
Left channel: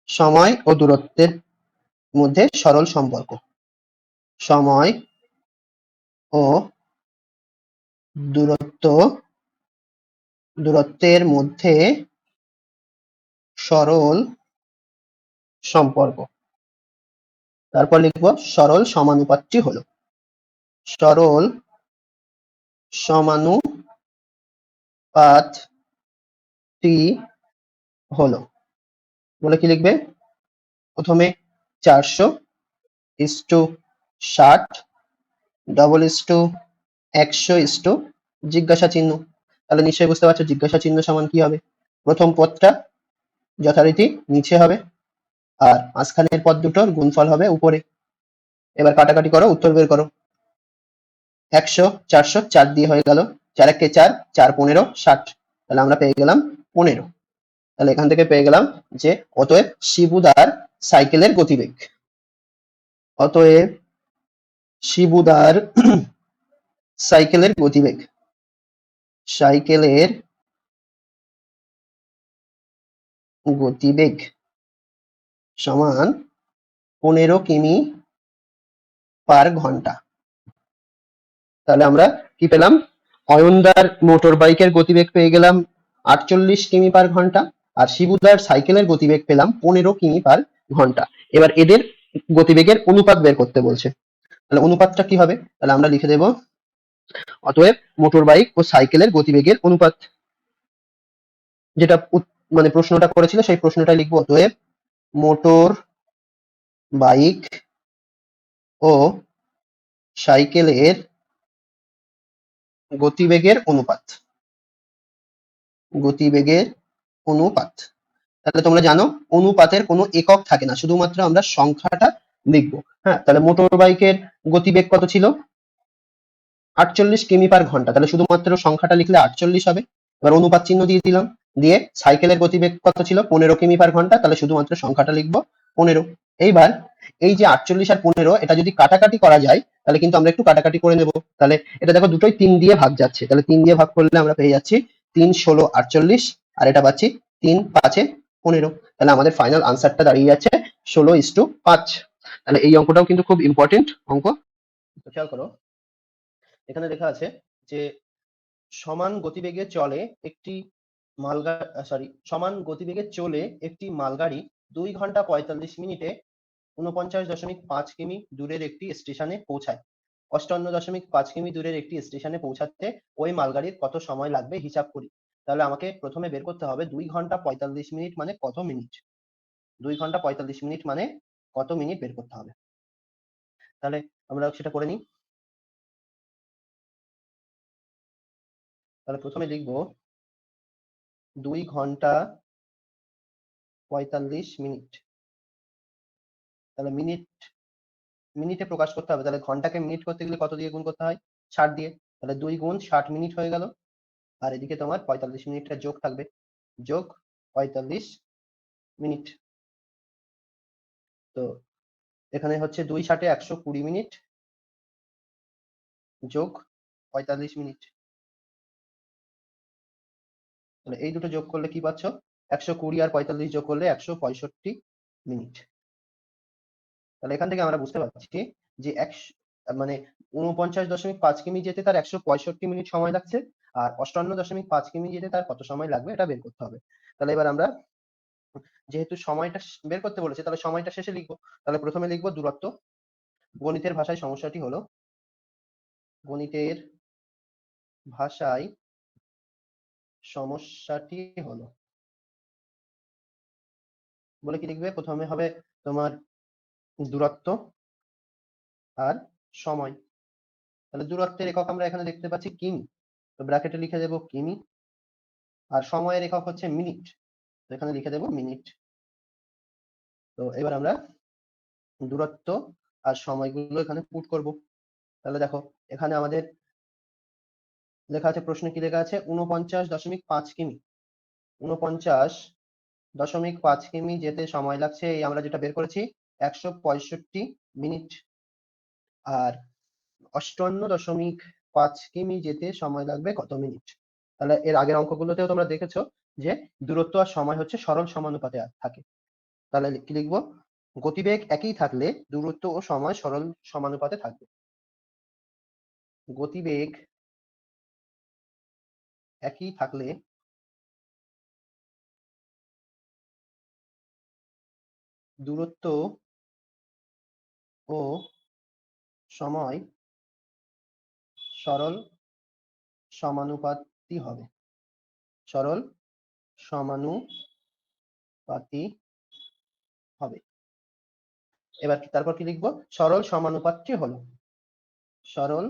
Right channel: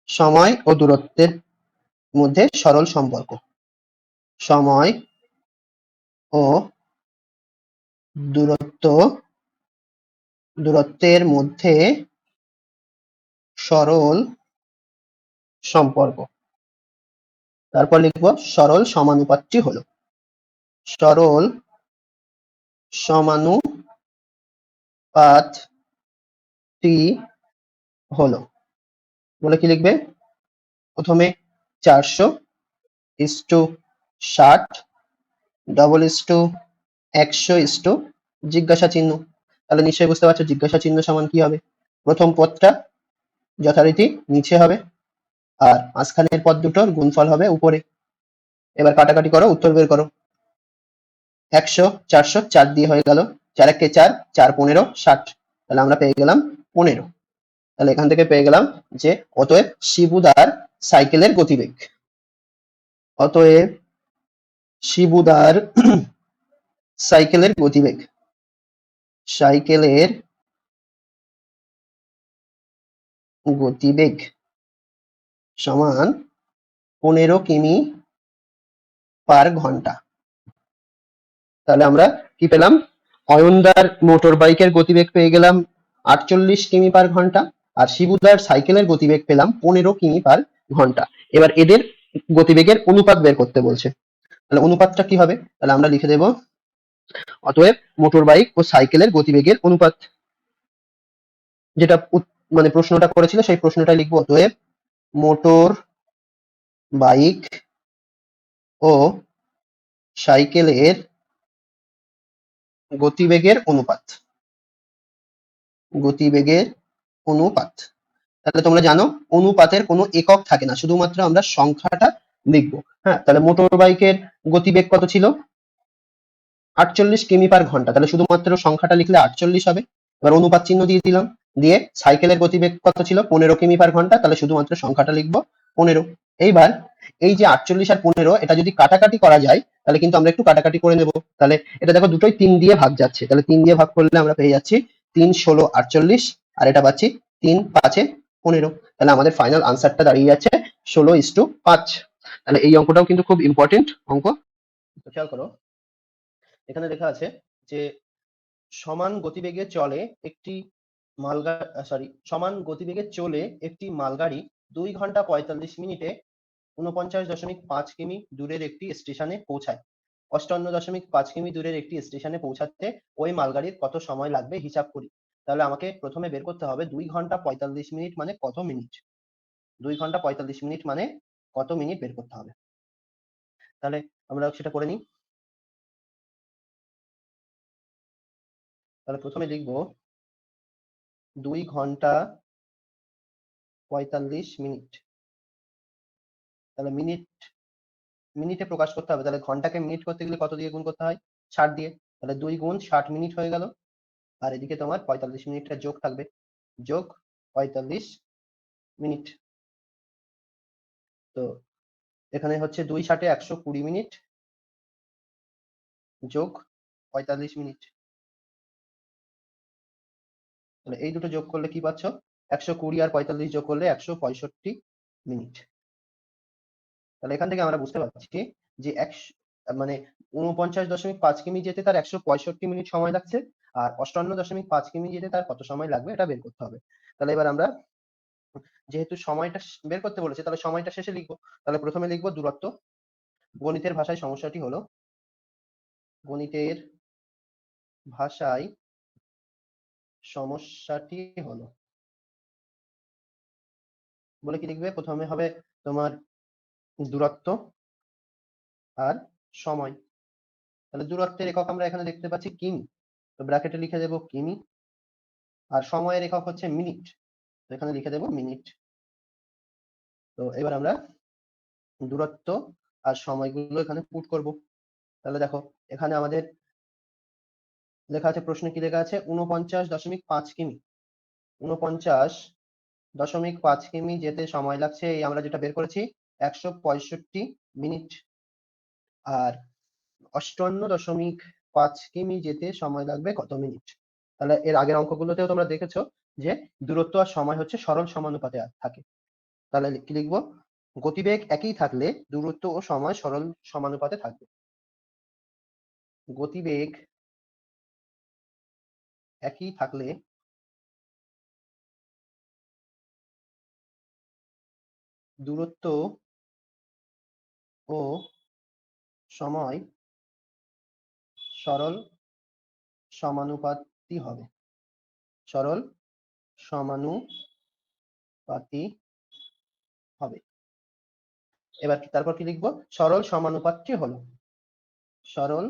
সময় ও দূরত্বের মধ্যে সরল সম্পর্ক, সময় ও দূরত্ব দূরত্বের মধ্যে সরল সম্পর্ক। তারপর লিখব সরল সমানুপাতটি হলো, সরল সমানুপাতটি হলো, বলে কি লিখবে, প্রথমে 400:60 100:100 জিজ্ঞাসা চিহ্ন। তাহলে নিশ্চয়ই বুঝতে পারছো জিজ্ঞাসা চিহ্ন সমান কি হবে, প্রথম পদটা যথারীতি নিচে হবে আর মাঝখানের পদ দুটোর গুণফল হবে উপরে। এবার কাটাকাটি করো, উত্তর বের করো। 100 400 4 দিয়ে হয়ে গেল, 4 একে 4, 4 15 60, তাহলে আমরা পেয়ে গেলাম 15। তাহলে এখান থেকে পেয়ে গেলাম যে অতএব শিবুদার সাইকেলের গতিবেগ, অতএব শিবুদার সাইকেলের গতিবেগ, সাইকেলের গতিবেগ সমান 15 কিমি/ঘন্টা। তাহলে আমরা কি পেলাম, অয়নদার মোটর বাইকের গতিবেগ পেয়ে গেলাম 48 কিমি/ঘন্টা, আর শিবুদার সাইকেলের গতিবেগ পেলাম 15 কিমি/ঘন্টা। এবার এদের গতিবেগের অনুপাত বের করতে বলছে। তাহলে অনুপাতটা কি হবে, তাহলে আমরা লিখে দেব অতএব মোটর বাইক ও সাইকেলের গতিবেগের অনুপাত, যেটা মানে প্রশ্নটা করেছিল সেই প্রশ্নটা লিখবো, অতএব মোটর বাইক ও সাইকেলের গতিবেগের অনুপাত, গতিবেগের অনুপাত। তাহলে তোমরা জানো অনুপাতের কোনো একক থাকে না, শুধুমাত্র আমরা সংখ্যাটা লিখবো। হ্যাঁ, তাহলে মোটর বাইকের গতিবেগ কত ছিল, 48 কিমি/ঘন্টা, তাহলে শুধুমাত্র সংখ্যাটা লিখলে 48 হবে। এবার অনুপাত চিহ্ন দিয়ে দিলাম, দিয়ে সাইকেলের গতিবেগ কত ছিল 15 কিমি/ঘন্টা, তাহলে শুধুমাত্র সংখ্যাটা লিখবো 15। এইবার এই যে 48 আর 15 এটা যদি কাটাকাটি করা যায় তাহলে কিন্তু আমরা একটু কাটাকাটি করে নেব। তাহলে এটা দেখো দুটোই 3 দিয়ে ভাগ যাচ্ছে, তাহলে 3 দিয়ে ভাগ করলে আমরা পেয়ে যাচ্ছি 3 16 48 আর এটা পাচ্ছি 3 5 15। তাহলে আমাদের ফাইনাল আনসারটা দাঁড়িয়ে যাচ্ছে 16:5। তাহলে এই অঙ্কটাও কিন্তু খুব ইম্পর্টেন্ট অঙ্ক। তো খেয়াল করো, এখানে লেখা আছে যে সমান গতিবেগে চলে একটি সমান গতিবেগে চলে একটি মালগাড়ি 2 ঘন্টা 45 মিনিটে 49.5 কিমি দূরের একটি স্টেশনে পৌঁছায়। 58.5 কিমি দূরের একটি স্টেশনে পৌঁছাতে ওই মালগাড়ির কত সময় লাগবে হিসাব করি। তাহলে আমাকে প্রথমে বের করতে হবে 2 ঘন্টা 45 মিনিট মানে কত মিনিট। 2 ঘন্টা 45 মিনিট মানে কত মিনিট বের করতে হবে। তাহলে আমরা সেটা করে নিই। তাহলে প্রথমে লিখব 2 ঘন্টা 45 মিনিট। তাহলে মিনিটে প্রকাশ করতে হবে, তাহলে ঘন্টাকে মিনিট করতে গেলে কত দিয়ে গুণ করতে হয়? 60 দিয়ে। তাহলে 2 গুণ 60 মিনিট হয়ে গেল। আর এদিকে তোমার 45 মিনিটটা যোগ থাকবে, যোগ 45 মিনিট। তো এখানে হচ্ছে 2 ষাটে 120 মিনিট যোগ 45 মিনিট। তাহলে এই দুটো যোগ করলে কি পাচ্ছ? 120 আর 45 যোগ করলে 165 মিনিট। তাহলে এখান থেকে আমরা বুঝতে পারছি যে মানে 49.5 কিমি যেতে তার 165 মিনিট সময় লাগছে, আর 58.5 কিমি যেতে তার কত সময় লাগবে এটা বের করতে হবে। তাহলে এবার আমরা যেহেতু সময়টা বের করতে বলেছে তাহলে সময়টা শেষে লিখবো। তাহলে প্রথমে লিখবো দূরত্ব। গণিতের ভাষায় সমস্যাটি হলো বলে কি লিখবে? প্রথমে হবে তোমার দূরত্ব আর সময়। তাহলে দূরত্বের একক আমরা এখানে দেখতে পাচ্ছি কিমি, তো ব্র্যাকেটে লিখে দেবো কিমি। আর সময়ের একক হচ্ছে মিনিট, তো এখানে লিখে দেবো মিনিট। তো এবার আমরা দূরত্ব আর সময়গুলো এখানে পুট করব। তাহলে দেখো এখানে আমাদের লেখা আছে, প্রশ্নে কি লেখা আছে? 49.5 কিমি। 49.5 কিমি যেতে সময় লাগছে, এই আমরা যেটা বের করেছি 165 মিনিট। আর 58.5 কিমি যেতে সময় লাগবে কত মিনিট? তাহলে এর আগের অঙ্কগুলোতেও তোমরা দেখেছো যে দূরত্ব আর সময় হচ্ছে সরল সমানুপাতে থাকে। তাহলে কি লিখবো? গতিবেগ একই থাকলে দূরত্ব ও সময় সরল সমানুপাতে থাকবে। গতিবেগ একই থাকলে দূরত্ব ও সময় সরল সমানুপাতি হবে। সরল সমানুপাতি হবে। এবার তারপর কি লিখবো? সরল সমানুপাতটি হলো, সরল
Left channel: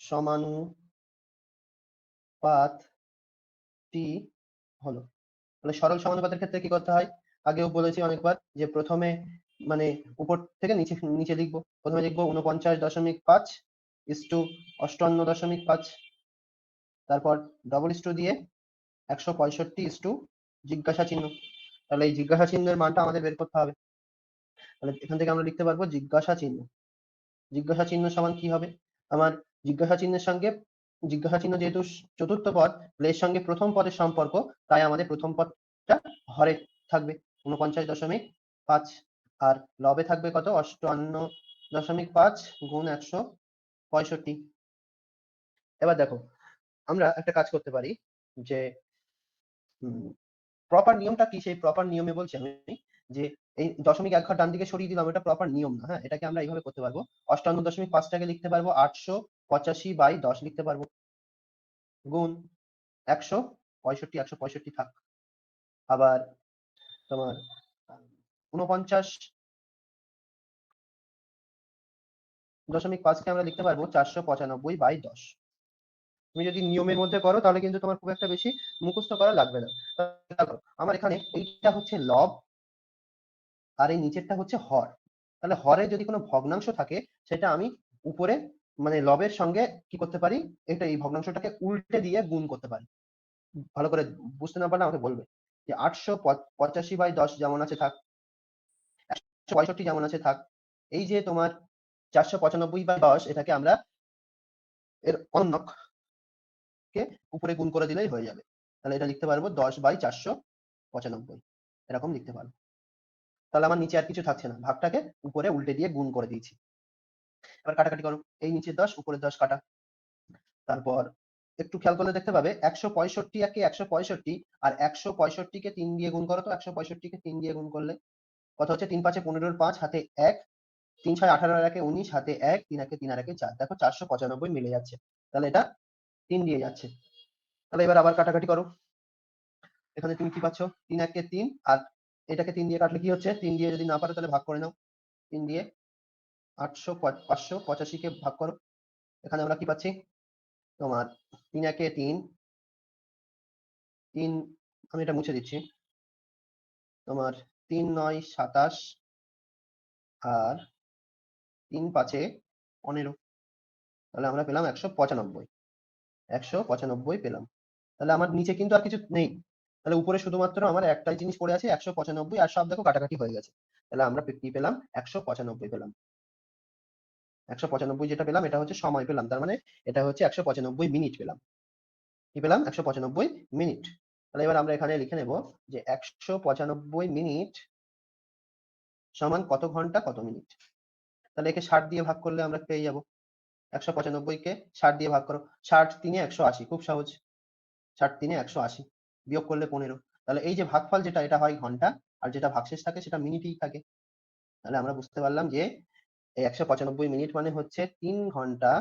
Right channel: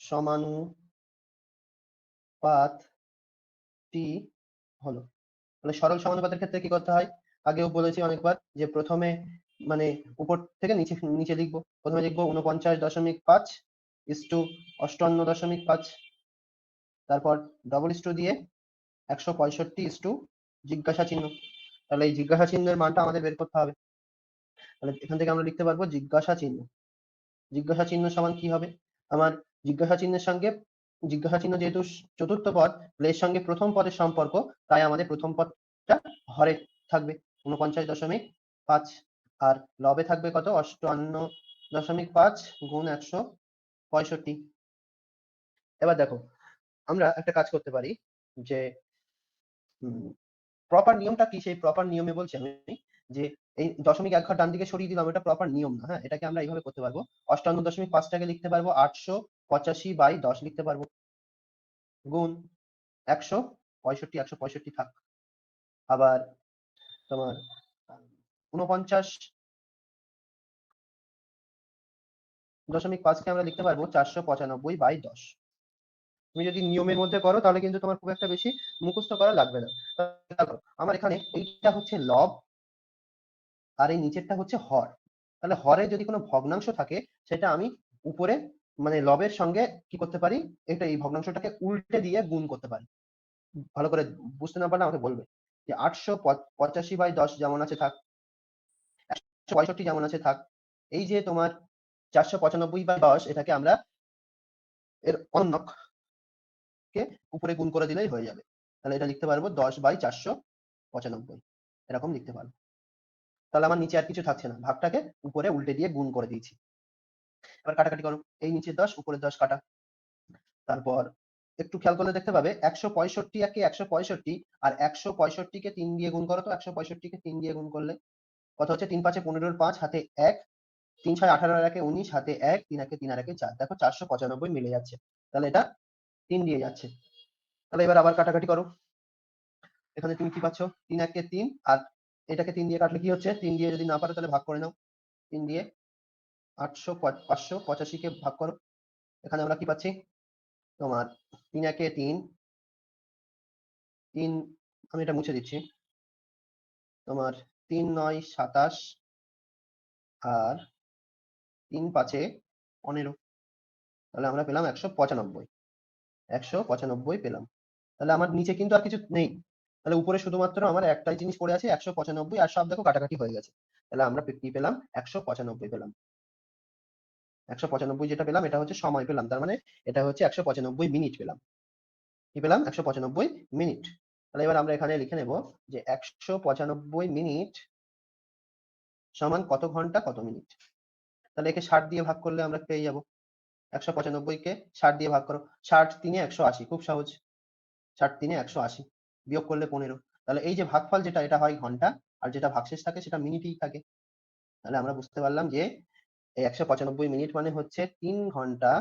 সমানুপাতটি হলো। তাহলে সরল সমানুপাতের ক্ষেত্রে কি করতে হয়? আগেও বলেছি অনেকবার যে প্রথমে মানে উপর থেকে নিচে নিচে লিখবো। প্রথমে লিখবো 49.5 ইস্টু 58.5, তারপর ডবল ইস্টু দিয়ে 165 ইস্টু জিজ্ঞাসা চিহ্ন। তাহলে এই জিজ্ঞাসা চিহ্নের মানটা আমাদের বের করতে হবে। তাহলে এখান থেকে আমরা লিখতে পারবো জিজ্ঞাসা চিহ্ন। জিজ্ঞাসা চিহ্ন সমান কি হবে? আমার জিজ্ঞাসা চিহ্নের সঙ্গে জিজ্ঞাসা চিহ্ন যেহেতু চতুর্থ পদ, এর সঙ্গে প্রথম পদের সম্পর্ক, তাই আমাদের প্রথম পদ হরে থাকবে 49.5 আর লবে থাকবে কত? 58.5 গুণ 165। এবার দেখো আমরা একটা কাজ করতে পারি যে প্রপার নিয়মটা কি, সেই প্রপার নিয়মে বলছি আমি যে এই দশমিক এক ঘর ডান দিকে সরিয়ে দিলাম, এটা প্রপার নিয়ম না। হ্যাঁ, এটাকে আমরা এইভাবে করতে পারবো। 58.5টাকে লিখতে পারবো 885/10 লিখতে পারবো, গুণ 165, 165 থাক। আবার তোমার 49.5কে আমরা লিখতে পারবো 495/10। তুমি যদি নিয়মের মধ্যে করো তাহলে কিন্তু তোমার খুব একটা বেশি মুখস্থ করা লাগবে না। দেখো আমার এখানে এইটা হচ্ছে লব আর এই নিচেরটা হচ্ছে হর। তাহলে হরের যদি কোনো ভগ্নাংশ থাকে সেটা আমি উপরে মানে লবের সঙ্গে কি করতে পারি, এটা এই ভগ্নাংশটাকে উল্টে দিয়ে গুণ করতে পারি। ভালো করে বুঝতে না পারলে আমাকে বলবে যে 885/10 যেমন আছে থাক। 62 যেমন আছে থাক। এই যে তোমার 495/10 এটাকে আমরা এর অনন্যক কে উপরে গুণ করে দিলেই হয়ে যাবে। তাহলে এটা লিখতে পারবো 10/495, এরকম লিখতে পারবো। তাহলে আমার নিচে আর কিছু থাকছে না, ভাগটাকে উপরে উল্টে দিয়ে গুণ করে দিয়েছি। এবার কাটাকাটি করো, এই নিচে 10 উপরে 10 কাটা। তারপর একটু খেয়াল করলে দেখতে পাবে 165 একে 165 আর 165 কে 3 দিয়ে গুণ করো তো। 165 কে 3 দিয়ে গুণ করলে কত হচ্ছে? 3 5 15 5 হাতে 1, 3 6 18 আর 1 19 হাতে 1, 3 1 3 আর 1 4। দেখো 495 মিলে যাচ্ছে, তাহলে এটা 3 দিয়ে যাচ্ছে। তাহলে এবার আবার কাটাকাটি করো, এখানে তুমি কি পাচ্ছ? 3 1 3 আর এটাকে 3 দিয়ে কাটলে কি হচ্ছে? 3 দিয়ে যদি না পারো তাহলে ভাগ করে নাও। 3 দিয়ে 585 কে ভাগ করো, এখানে আমরা কি পাচ্ছি? তোমার 3 1 3, 3, আমি এটা মুছে দিচ্ছি। তোমার 3 9 27 আর 3 5 15, তাহলে আমরা পেলাম 195। 195 পেলাম। তাহলে আমার নিচে কিন্তু আর কিছু নেই, তাহলে উপরে শুধুমাত্র আমার একটাই জিনিস পড়ে আছে 195, আর সব দেখো কাটাকাটি হয়ে গেছে। তাহলে আমরা কি পেলাম? 195 পেলাম। 195 যেটা পেলাম এটা হচ্ছে সময় পেলাম, তার মানে এটা হচ্ছে 195 মিনিট পেলাম। কি পেলাম? 195 মিনিট। তাহলে এবার আমরা এখানে লিখে নেব যে 195 মিনিট সমান কত ঘন্টা কত মিনিট। তাহলে একে 60 দিয়ে ভাগ করলে আমরা পেয়ে যাব। 195 কে 60 দিয়ে ভাগ করো, 60 3 180, খুব সহজ। 60 3 180, বিয়োগ করলে 15। তাহলে এই যে ভাগফল যেটা, এটা হয় ঘন্টা, আর যেটা ভাগশেষ থাকে সেটা মিনিটেই থাকে। তাহলে আমরা বুঝতে পারলাম যে এই 195 মিনিট মানে হচ্ছে 3 ঘন্টা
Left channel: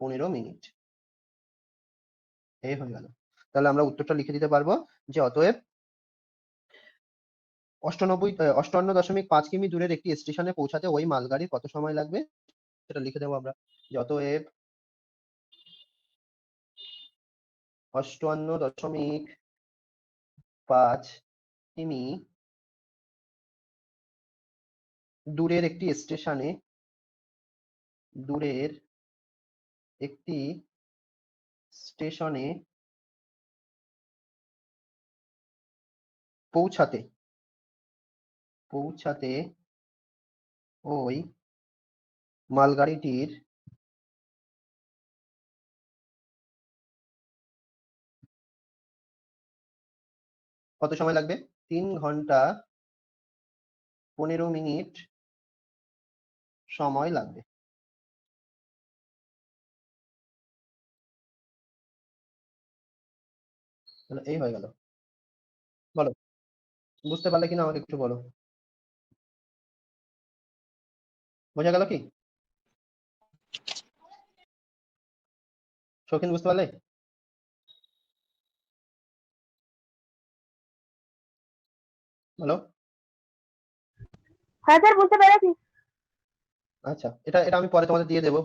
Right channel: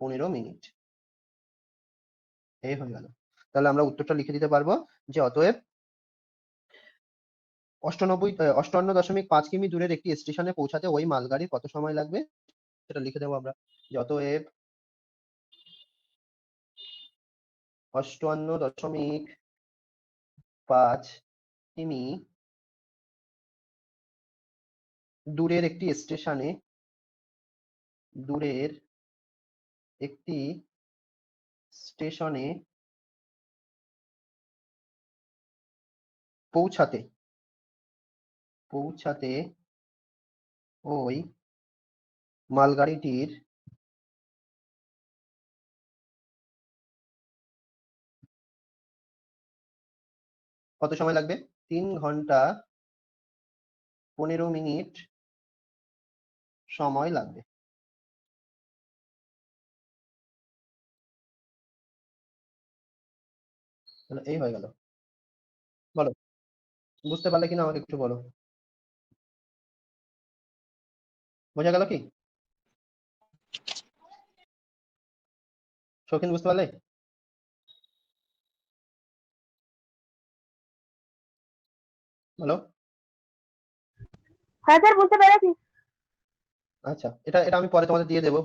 15 মিনিট। এই হয়ে গেল। তাহলে আমরা উত্তরটা লিখে দিতে পারবো যে অতএব 58.5 কিমি দূরের একটি স্টেশনে পৌঁছাতে ওই মালগাড়ির কত সময় লাগবে, সেটা লিখে দেবো আমরা যে অতএব 58.5 কিমি দূরের একটি স্টেশনে পৌঁছাতে ওই মালগাড়িটির কত সময় লাগবে? 3 ঘন্টা 15 মিনিট সময় লাগবে। তাহলে এই হয়ে গেল। বলো, বুঝতে পারলে কিনা আমাকে একটু বলো। বোঝা গেল কি? শৌখিন বুঝতে পারলে? বলো। হ্যাঁ স্যার, বুঝতে পেরেছি। আচ্ছা, এটা এটা আমি পরে তোমাদের দিয়ে দেবো,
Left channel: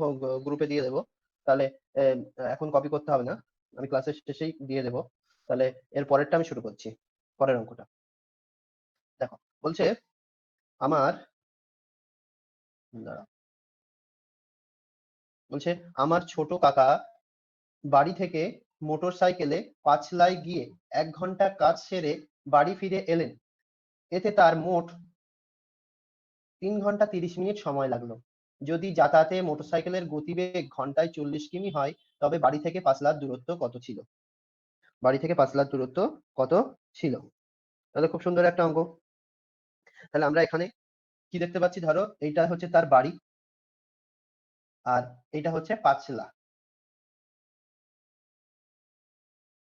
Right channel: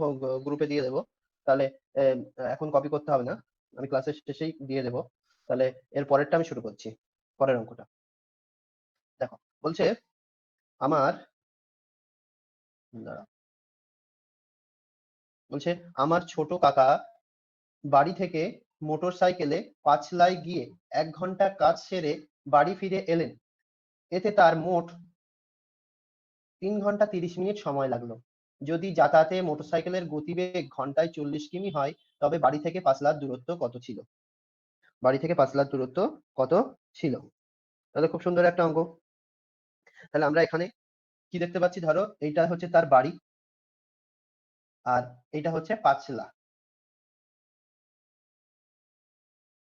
গ্রুপে দিয়ে দেবো। তাহলে আহ, এখন কপি করতে হবে না, আমি ক্লাসের শেষেই দিয়ে দেবো। তাহলে এর পরেরটা আমি শুরু করছি, পরের অঙ্কটা। দেখো, বলছে আমার, দাঁড়াও, বলছে আমার ছোট কাকা বাড়ি থেকে মোটর সাইকেলে পাঁচলায় গিয়ে 1 ঘন্টা কাজ সেরে বাড়ি ফিরে এলেন। এতে তার মোট 3 ঘন্টা 30 মিনিট সময় লাগলো। যদি যাতায়াতে মোটরসাইকেলের গতিবেগ ঘন্টায় 40 কিমি হয়, তবে বাড়ি থেকে পাঁচলার দূরত্ব কত ছিল? বাড়ি থেকে পাঁচলার দূরত্ব কত ছিল? তাহলে খুব সুন্দর একটা অঙ্ক। তাহলে আমরা এখানে কি দেখতে পাচ্ছি? ধরো এইটা হচ্ছে তার বাড়ি, আর এইটা হচ্ছে পাঁচলা।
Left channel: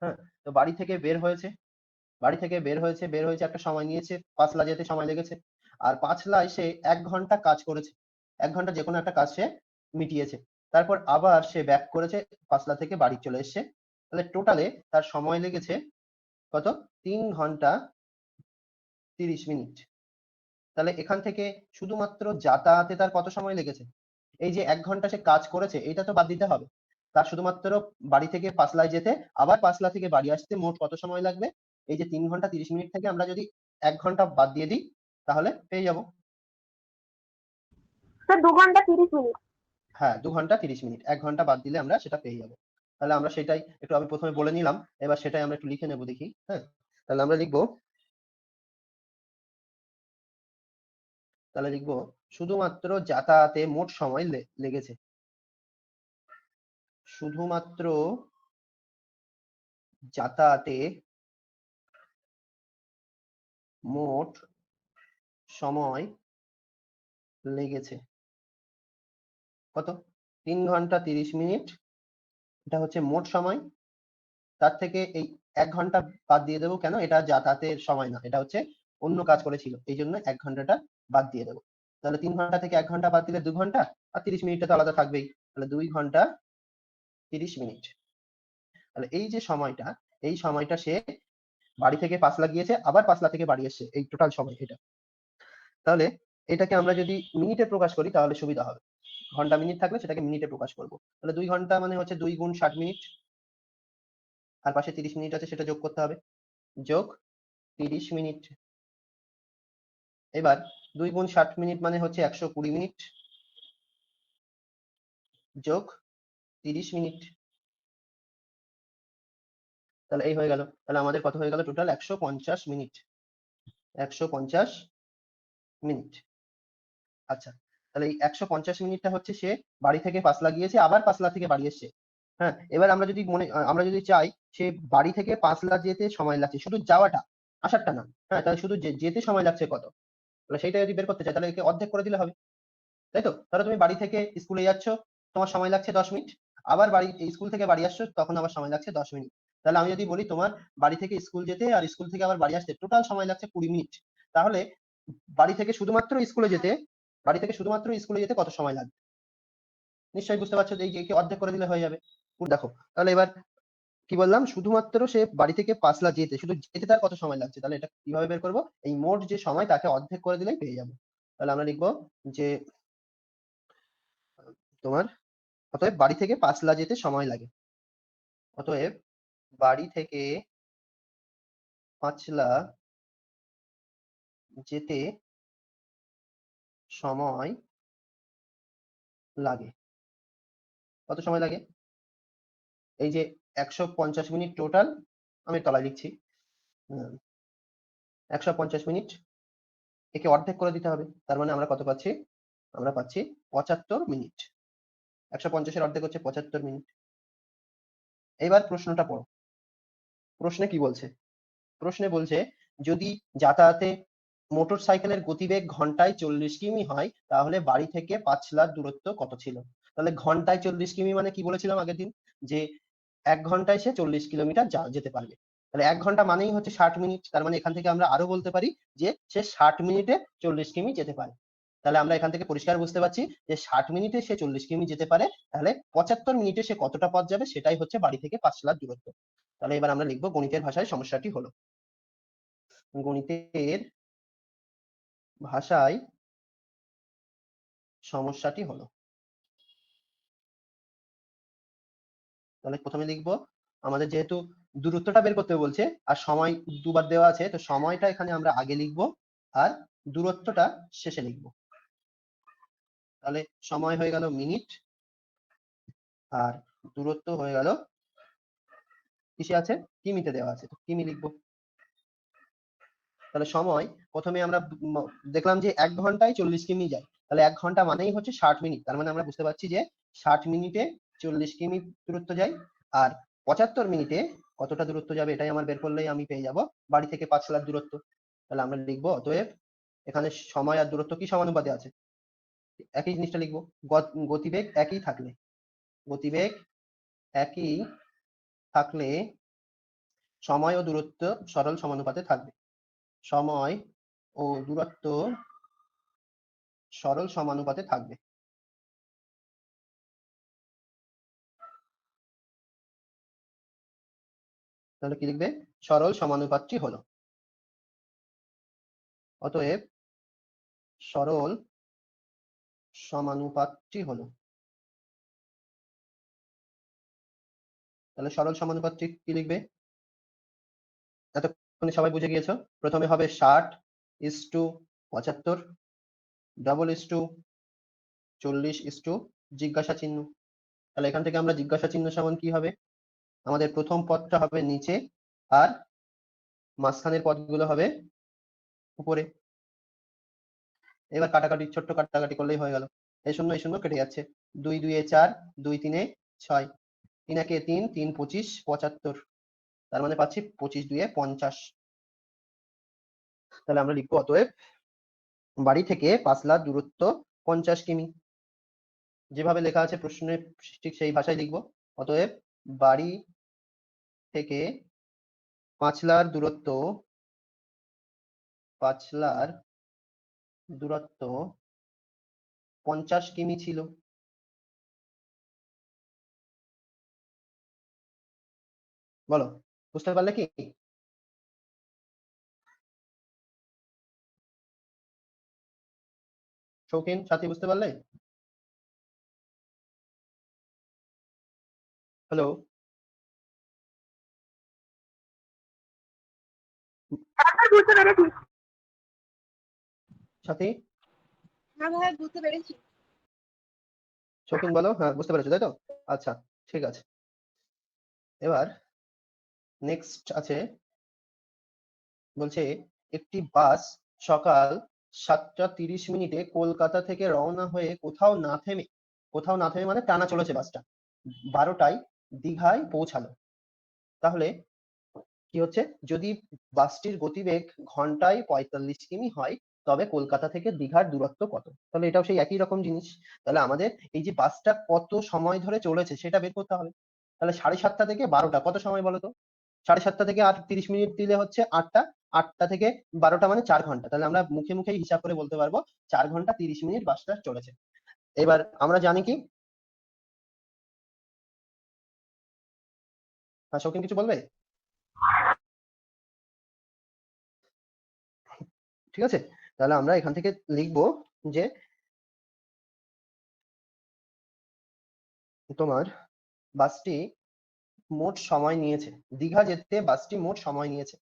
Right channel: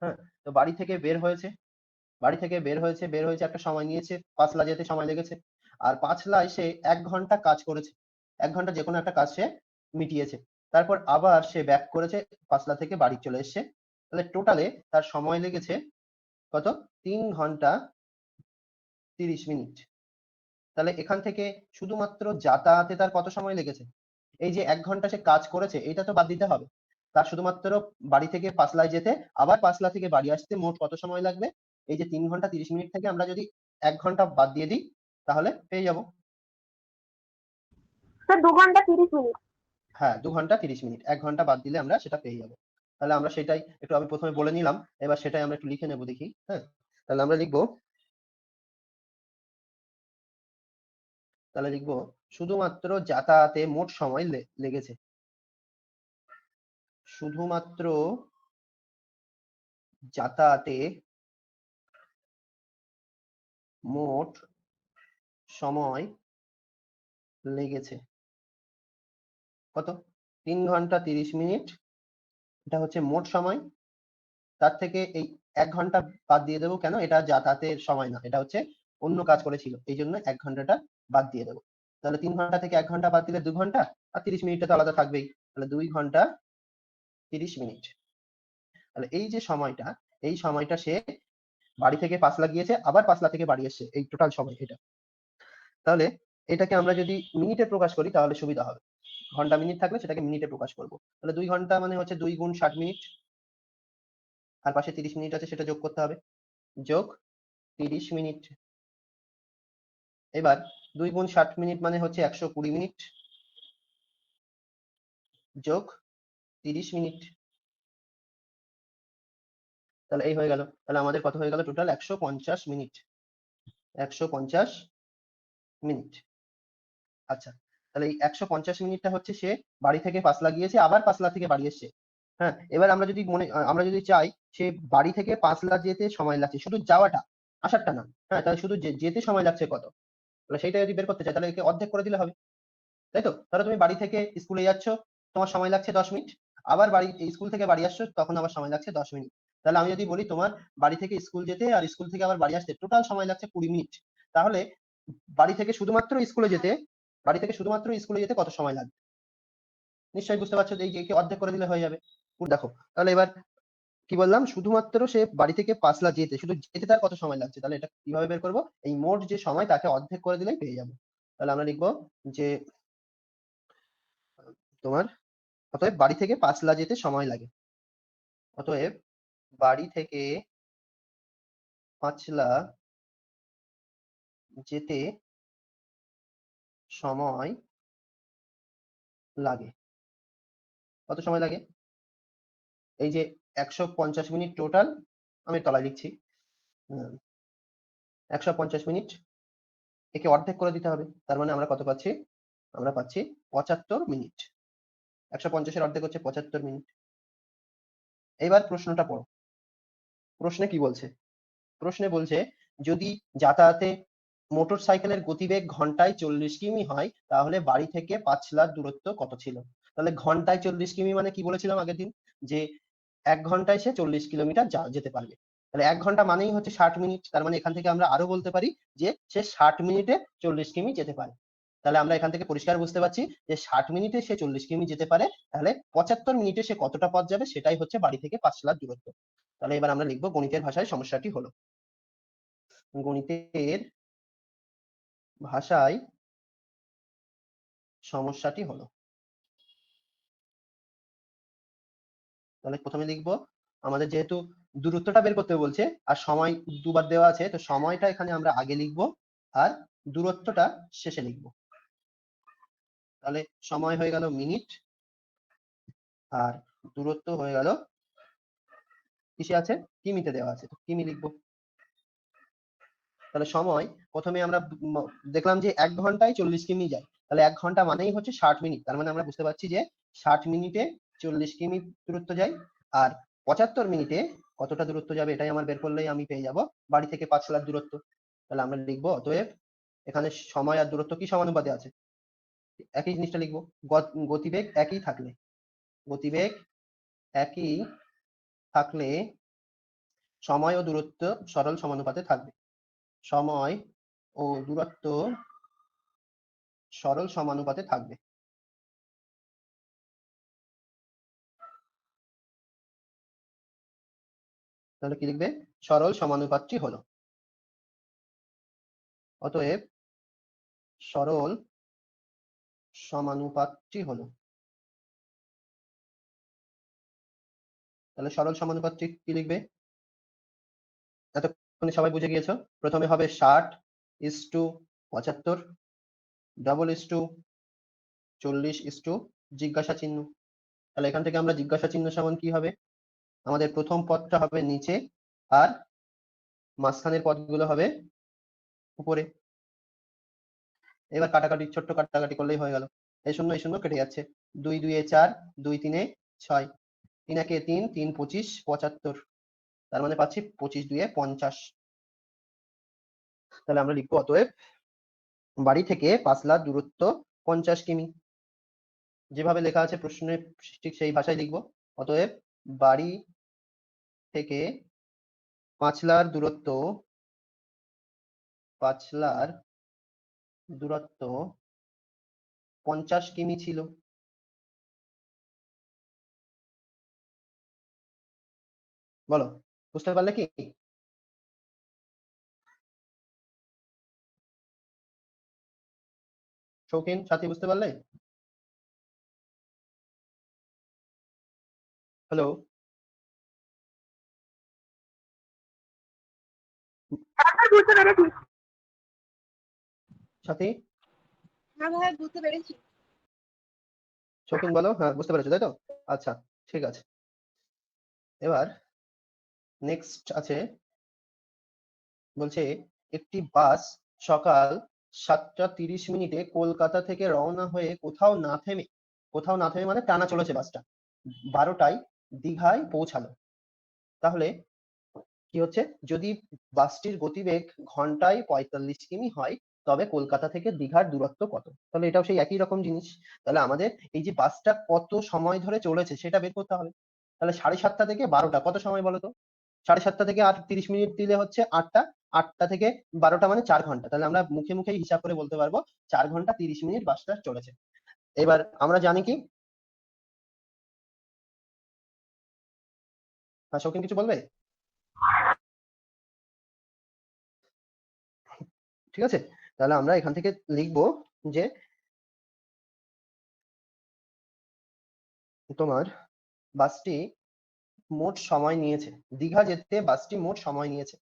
হ্যাঁ, তো বাড়ি থেকে বের হয়েছে, বের হয়েছে একটা সময় নিয়েছে, পাঁচলা যেতে সময় লেগেছে। আর পাঁচলায় সে 1 ঘন্টা কাজ করেছে, 1 ঘন্টা যে কোনো একটা কাজ সে মিটিয়েছে। তারপর আবার সে ব্যাক করেছে, পাঁচলা থেকে বাড়ি চলে এসেছে। তাহলে টোটালে তার সময় লেগেছে কত? 3 ঘন্টা 30 মিনিট। তাহলে এখান থেকে শুধুমাত্র যাতায়াতে তার কত সময় লেগেছে? এই যে 1 ঘন্টা সে কাজ করেছে, এটা তো বাদ দিতে হবে। তার শুধুমাত্র বাড়ি থেকে পাঁচলায় যেতে, আবার পাঁচলা থেকে বাড়ি আসতে মোট কত সময় লাগবে? এই যে 3 ঘন্টা 30 মিনিট থেকে আমরা যদি 1 ঘন্টা বাদ দিয়ে দিই, তাহলে পেয়ে যাবো। স্যার 2 ঘন্টা 30 মিনিট। হ্যাঁ, 2 ঘন্টা 30 মিনিট, 1 ঘন্টা বাদ দিলে আমরা সেটা পেয়ে যাবো। তাহলে আমরা সেটাই একটু, আমি প্রথমে বলে নিলাম, এবার সেটাই আমরা একটু লিখে নেবো, দেখি। হ্যাঁ, তাহলে আমরা লিখবো তাহলে লিখবো শুধুমাত্র যাতায়াতে মোট সময় লেগেছে। শুধুমাত্র যাতায়াতে মোট সময় লেগেছে কত? 3 ঘন্টা 30 মিনিট। এটা হচ্ছে মোট সময়। তার থেকে এই 1 ঘন্টা বাদ দিয়ে দেবো, কেন? এটা যাতায়াতের সময় না, এটা হচ্ছে অন্য কাজ করেছিল, এই জন্য 1 ঘন্টাটা বাদ দিয়ে দেবো। তাহলে 3 ঘন্টা থেকে 1 ঘন্টা বাদ দিলে 2 ঘন্টা, আর 30 মিনিটটা তো আলাদা থাকবেই। তাহলে 2 ঘন্টা 30 মিনিট। তাহলে এই যে সময়টা, এই সময়টা সে বাড়ি থেকে পাঁচলা গিয়েছে, আবার পাঁচলা থেকে বাড়ি এসছে, এই টোটাল সময় এটা। তাহলে এটাকে আমরা যদি মিনিটে প্রকাশ করি তাহলে সুবিধা হবে। ঘন্টা মিনিট থাকলে সেটাকে মিনিটে প্রকাশ করবো। তাহলে 2 ঘন্টা মানে হচ্ছে 2 গুণ 60 মিনিট, আর পাশে 30 মিনিট আছে, সেটা যোগ করতে হবে। যোগ 30 মিনিট। এবার 2 গুণ 60 মিনিট মানে হচ্ছে 120 মিনিট, যোগ 30 মিনিট। তাহলে এই হয়ে গেল। তাহলে আমাদের কত হয়ে গেল? Total 150 minute. 150 মিনিট। আচ্ছা, তাহলে এই 150 মিনিটটা হচ্ছে সে বাড়ি থেকে পাঁচলা গিয়েছে, আবার পাঁচলা থেকে বাড়ি এসছে। হ্যাঁ, এবার আমরা যদি চাই সে বাড়ি থেকে পাঁচলা যেতে সময় লাগছে, শুধু যাওয়াটা, আসারটা না। হ্যাঁ, তাহলে শুধু যেতে সময় লাগছে কত? তাহলে সেইটা যদি বের করতে চাই তাহলে একে অর্ধেক করে দিলে হবে, তাই তো? তাহলে তুমি বাড়ি থেকে স্কুলে যাচ্ছ, তোমার সময় লাগছে 10 মিনিট, আবার স্কুল থেকে বাড়ি আসছো, তখন আবার সময় লাগছে 10 মিনিট। তাহলে আমি যদি বলি তোমার বাড়ি থেকে স্কুল যেতে আর স্কুল থেকে আবার বাড়ি আসতে টোটাল সময় লাগছে 20 মিনিট, তাহলে বাড়ি থেকে শুধুমাত্র স্কুলে যেতে কত সময় লাগবে? নিশ্চয়ই বুঝতে পারছো যে এই যে একে অর্ধেক করে দিলে হয়ে যাবে। দেখো, তাহলে এবার কি বললাম? শুধুমাত্র সে বাড়ি থেকে পাঁচলা যেতে, শুধু যেতে তার কত সময় লাগছে, তাহলে এটা কিভাবে বের করবো? এই মোট যে সময় তাকে অর্ধেক করে দিলেই পেয়ে যাবো। তাহলে আমরা লিখবো যে তোমার অতএব বাড়ি থেকে পাঁচলা যেতে সময় লাগে। অতএব বাড়ি থেকে পাঁচলা যেতে সময় লাগে। কত সময় লাগে? এই যে 150 মিনিট টোটাল, আমি তলায় লিখছি। 150 মিনিট, একে অর্ধেক করে দিতে হবে। তার মানে আমরা কত পাচ্ছি? আমরা পাচ্ছি 75 মিনিট। 150-এর অর্ধেক হচ্ছে 75 মিনিট। এবার প্রশ্নটা পড়ো। প্রশ্নে কি বলছে? প্রশ্নে বলছে যদি যাতায়াতে মোটর সাইকেলের গতিবেগ ঘন্টায় 40 কিমি হয়, তাহলে বাড়ি থেকে পাঁচলার দূরত্ব কত ছিল? তাহলে ঘন্টায় 40 কিমি মানে কি বলেছিলাম আগের দিন? যে 1 ঘন্টায় সে 40 কিলোমিটার যেতে পারবে। তাহলে 1 ঘন্টা মানেই হচ্ছে 60 মিনিট। তার মানে এখান থেকে আমরা আরো বলতে পারি যে সে 60 মিনিটে 40 কিমি যেতে পারে। তাহলে আমরা এখান থেকে পরিষ্কার বুঝতে পারছি যে 60 মিনিটে সে 40 কিমি যেতে পারে। তাহলে 75 মিনিটে সে কতটা পথ যাবে, সেটাই হচ্ছে বাড়ি থেকে পাঁচলার দূরত্ব। তাহলে এবার আমরা লিখবো গণিতের ভাষায় সমস্যাটি হলো। গণিতের ভাষায় সমস্যাটি হলো। তাহলে প্রথমে লিখবো, আমাদের যেহেতু দূরত্বটা বের করতে বলছে আর সময় দুবার দেওয়া আছে, তো সময়টা এখানে আমরা আগে লিখবো, হ্যাঁ, দূরত্বটা শেষে লিখবো। তাহলে সময় হয়ে গেল মিনিট, আর দূরত্ব হয়ে গেল কিসে আছে? কিমিতে দেওয়া আছে, তো কিমি লিখবো। তাহলে সময় প্রথমে আমরা দেখলাম যে 1 ঘন্টায় 40 কিমি যায়, তাহলে 1 ঘন্টা মানেই হচ্ছে 60 মিনিট। তার মানে আমরা বুঝতে পারছি যে 60 মিনিটে 40 কিমি দূরত্ব যায়। আর 75 মিনিটে কতটা দূরত্ব যাবে, এটাই আমার বের করলেই আমি পেয়ে যাব বাড়ি থেকে পাঁচলার দূরত্ব। তাহলে আমরা লিখবো অতএব এখানে সময় আর দূরত্ব কি সমানুপাতে আছে? একই জিনিসটা লিখবো। গতিবেগ একই থাকলে, গতিবেগ একই থাকলে সময় ও দূরত্ব সরল সমানুপাতে থাকবে। সময় ও দূরত্ব সরল সমানুপাতে থাকবে। তাহলে কি লিখবে? সরল সমানুপাতটি হলো। অতএব সরল সমানুপাতটি হলো। তাহলে সরল সমানুপাতটি কি লিখবে? এতক্ষণে সবাই বুঝে গিয়েছো। প্রথমে হবে 60:75, ডবল ইস টু 40 জিজ্ঞাসা চিহ্ন। তাহলে এখান থেকে আমরা জিজ্ঞাসা চিহ্ন সমান কি হবে? আমাদের প্রথম পদটা হবে নিচে, আর মাঝখানের পদগুলো হবে উপরে। এবার কাটাকাটি ছোট্ট কাটাকাটি করলেই হয়ে গেল। এই শূন্য কেটে যাচ্ছে। 2 2 এ 4, 2 3 এ 6, 3 1 এ 3, 3 25 75। তার মানে পাচ্ছি 25 2 এ 50। তাহলে আমরা লিখবো অতএব বাড়ি থেকে পাঁচলার দূরত্ব 50 কিমি। যেভাবে লেখা আছে প্রশ্নে ঠিক সেই ভাষায় লিখবো। অতএব বাড়ি থেকে পাঁচলার দূরত্ব 50 কিমি ছিল। বলো, বুঝতে পারলে কি? শৌখিন, সাথী, বুঝতে পারলে? হ্যালো হ্যাঁ বুঝতে পেরেছি। সাথী, হ্যাঁ ভাই বুঝতে পেরেছি। শৌখিন বলো, হ্যাঁ বুঝতে পেরেছো তাই তো? আচ্ছা, ঠিক আছে। এবার নেক্সট আছে, বলছে একটি বাস সকাল 7টা 30 মিনিটে কলকাতা থেকে রওনা হয়ে কোথাও না থেমে মানে টানা চলেছে বাসটা, 12টায় দীঘায় পৌঁছালো। তাহলে কি হচ্ছে, যদি বাসটির গতিবেগ ঘন্টায় 45 কিমি হয়, তবে কলকাতা থেকে দীঘার দূরত্ব কত? তাহলে এটাও সেই একই রকম জিনিস। তাহলে আমাদের এই যে বাসটা কত সময় ধরে চলেছে সেটা বের করতে হবে। তাহলে 7:30 থেকে 12টা কত সময় বলো তো? 7:30 থেকে আর 30 মিনিট দিলে হচ্ছে 8টা। 8টা থেকে 12টা মানে 4 ঘন্টা। তাহলে আমরা মুখে মুখেই হিসাব করে বলতে পারবো 4 ঘন্টা 30 মিনিট বাসটা চলেছে। এবার আমরা জানি কি, শৌখিন কিছু বলবে? ঠিক আছে, তাহলে আমরা এখান থেকে লিখবো যে তোমার বাসটি মোট সময় নিয়েছে, দীঘা যেতে বাসটি মোট সময় নিয়েছে,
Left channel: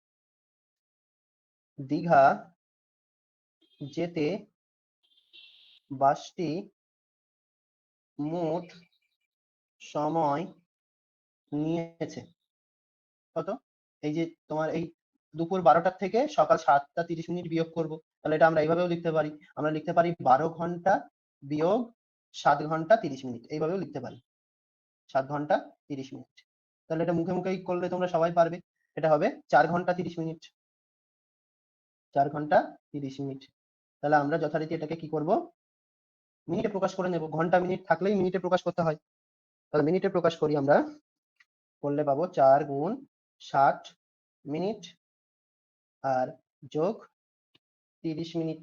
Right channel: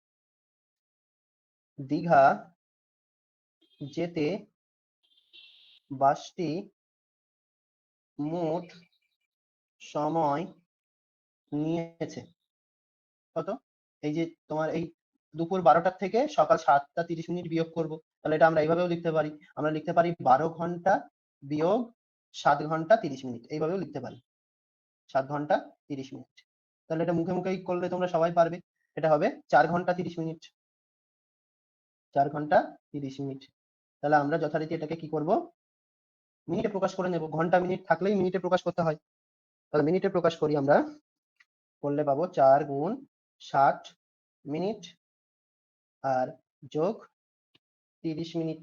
দীঘা যেতে বাসটি মোট সময় নিয়েছে কত? এই যে তোমার এই দুপুর 12টার থেকে সকাল 7টা 30 মিনিট বিয়োগ করব, তাহলে এটা আমরা এইভাবেও লিখতে পারি। আমরা লিখতে পারি 12 ঘন্টা বিয়োগ 7 ঘন্টা 30 মিনিট, এইভাবেও লিখতে পারি 7 ঘন্টা 30 মিনিট। তাহলে এটা মুখে মুখেই করলে তোমরা সবাই পারবে। এটা হবে 4 ঘন্টা 30 মিনিট, 4 ঘন্টা 30 মিনিট। তাহলে আমরা যথারীতি এটাকে কি করব, মিনিটে প্রকাশ করে নেব। ঘন্টা মিনিট থাকলেই মিনিটে প্রকাশ করতে হয়। তাহলে মিনিটে প্রকাশ করি আমরা, করলে পাবো 4 গুণ 60 মিনিট আর যোগ 30 মিনিট।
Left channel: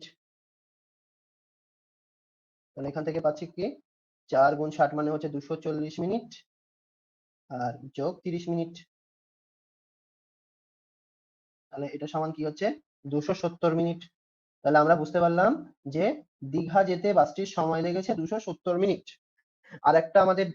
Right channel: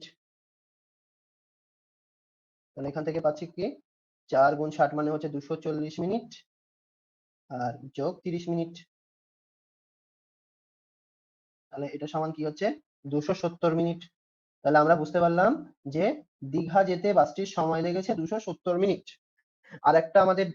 তাহলে এখান থেকে পাচ্ছি কি, 4 গুণ 60 মানে হচ্ছে 240 মিনিট আর যোগ 30 মিনিট। তাহলে এটা সমান কি হচ্ছে, 270 মিনিট। তাহলে আমরা বুঝতে পারলাম যে দীঘা যেতে বাসটির সময় লেগেছে 270 মিনিট। আর একটা আমাদের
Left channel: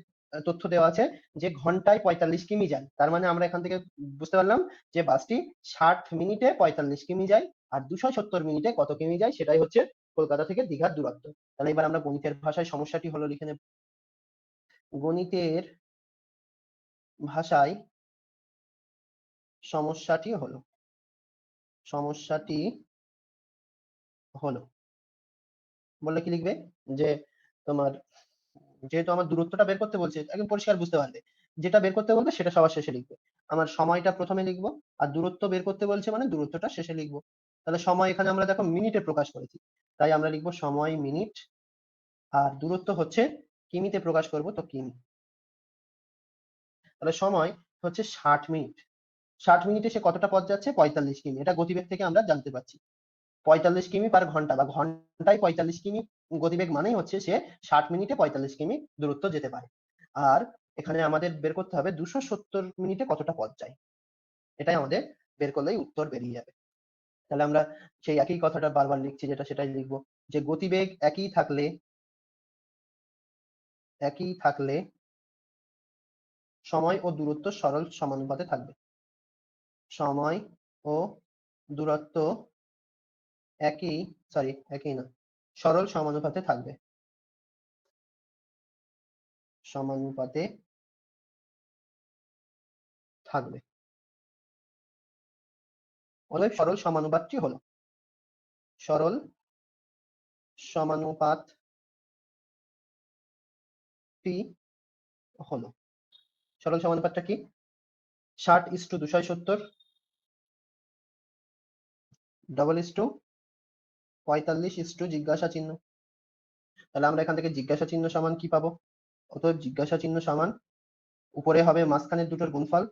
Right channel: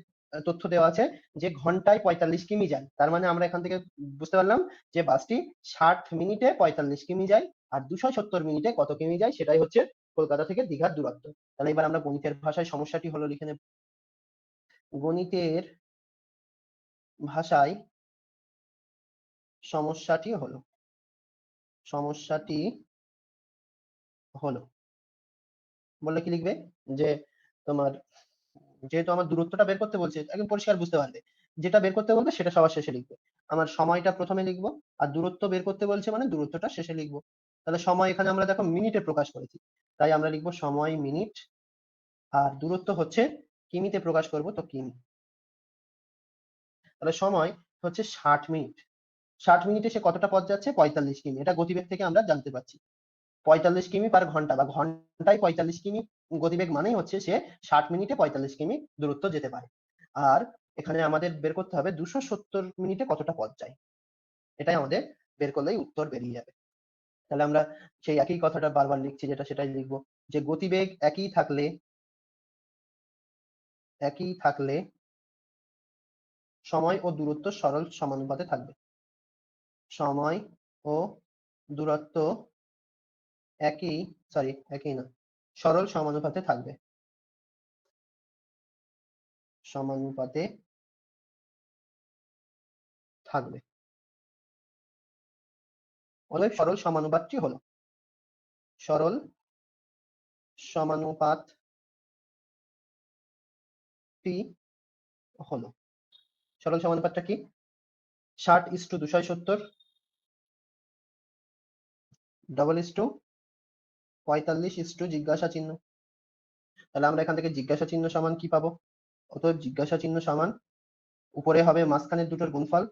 তথ্য দেওয়া আছে যে ঘন্টায় 45 কিমি যায়। তার মানে আমরা এখান থেকে বুঝতে পারলাম যে বাসটি 60 মিনিটে 45 কিমি যায়, আর 270 মিনিটে কত কিমি যায় সেটাই হচ্ছে কলকাতা থেকে দীঘার দূরত্ব। তাহলে এবার আমরা গণিতের ভাষায় সমস্যাটি হলো লিখে নেব। গণিতের ভাষায় সমস্যাটি হলো, সমস্যাটি বলে কি লিখবে, যে তোমার যেহেতু আমার দূরত্বটা বের করতে বলছে, তাহলে পরিষ্কার বুঝতে পারবে যেটা বের করতে বলবে সেটা সবার শেষে লিখবে। আমার সময়টা প্রথমে লিখবো, আর দূরত্ব বের করতে বলছে মানে দূরত্বটা শেষে লিখবো। তাহলে সময় এখানে আমরা দেখো মিনিটে প্রকাশ করেছি, তাই আমরা লিখবো সময় মিনিট, আর দূরত্ব হচ্ছে কিমিতে প্রকাশ করবো তো কিমি। তাহলে সময় হচ্ছে 60 মিনিট। 60 মিনিটে সে কতটা পথ যাচ্ছে, 45 কিমি। এটা গতিবেগ থেকে আমরা জানতে পারছি 45 কিমি/ঘন্টা, বা ঘন্টায় 45 কিমি গতিবেগ মানেই হচ্ছে সে 60 মিনিটে 45 কিমি দূরত্ব যেতে পারে। আর এখানে আমাদের বের করতে হবে 270 মিনিটে কতটা পথ যায়, এটাই আমাদের বের করলেই উত্তর বেরিয়ে যাবে। তাহলে আমরা সেই একই কথাটা বারবার লিখছি, যেটা সেটাই লিখবো, যে গতিবেগ একই থাকলে সময় ও দূরত্ব সরল সমানুপাতে থাকবে। সময় ও দূরত্ব একই, সরি একই না, সরল সমানুপাতে থাকবে, সমানুপাতে থাকবে। অতএব সরল সমানুপাতটি হলো, সরল টি হলো। সরল সমানুপাতটা কি? 60:270 double is to 45 is to জিজ্ঞাসা চিহ্ন। তাহলে আমরা এখান থেকে জিজ্ঞাসা চিহ্ন সমান কি পাবো? অতএব জিজ্ঞাসা চিহ্ন সমান উপরে হবে মাঝখানের দুটোর গুণফল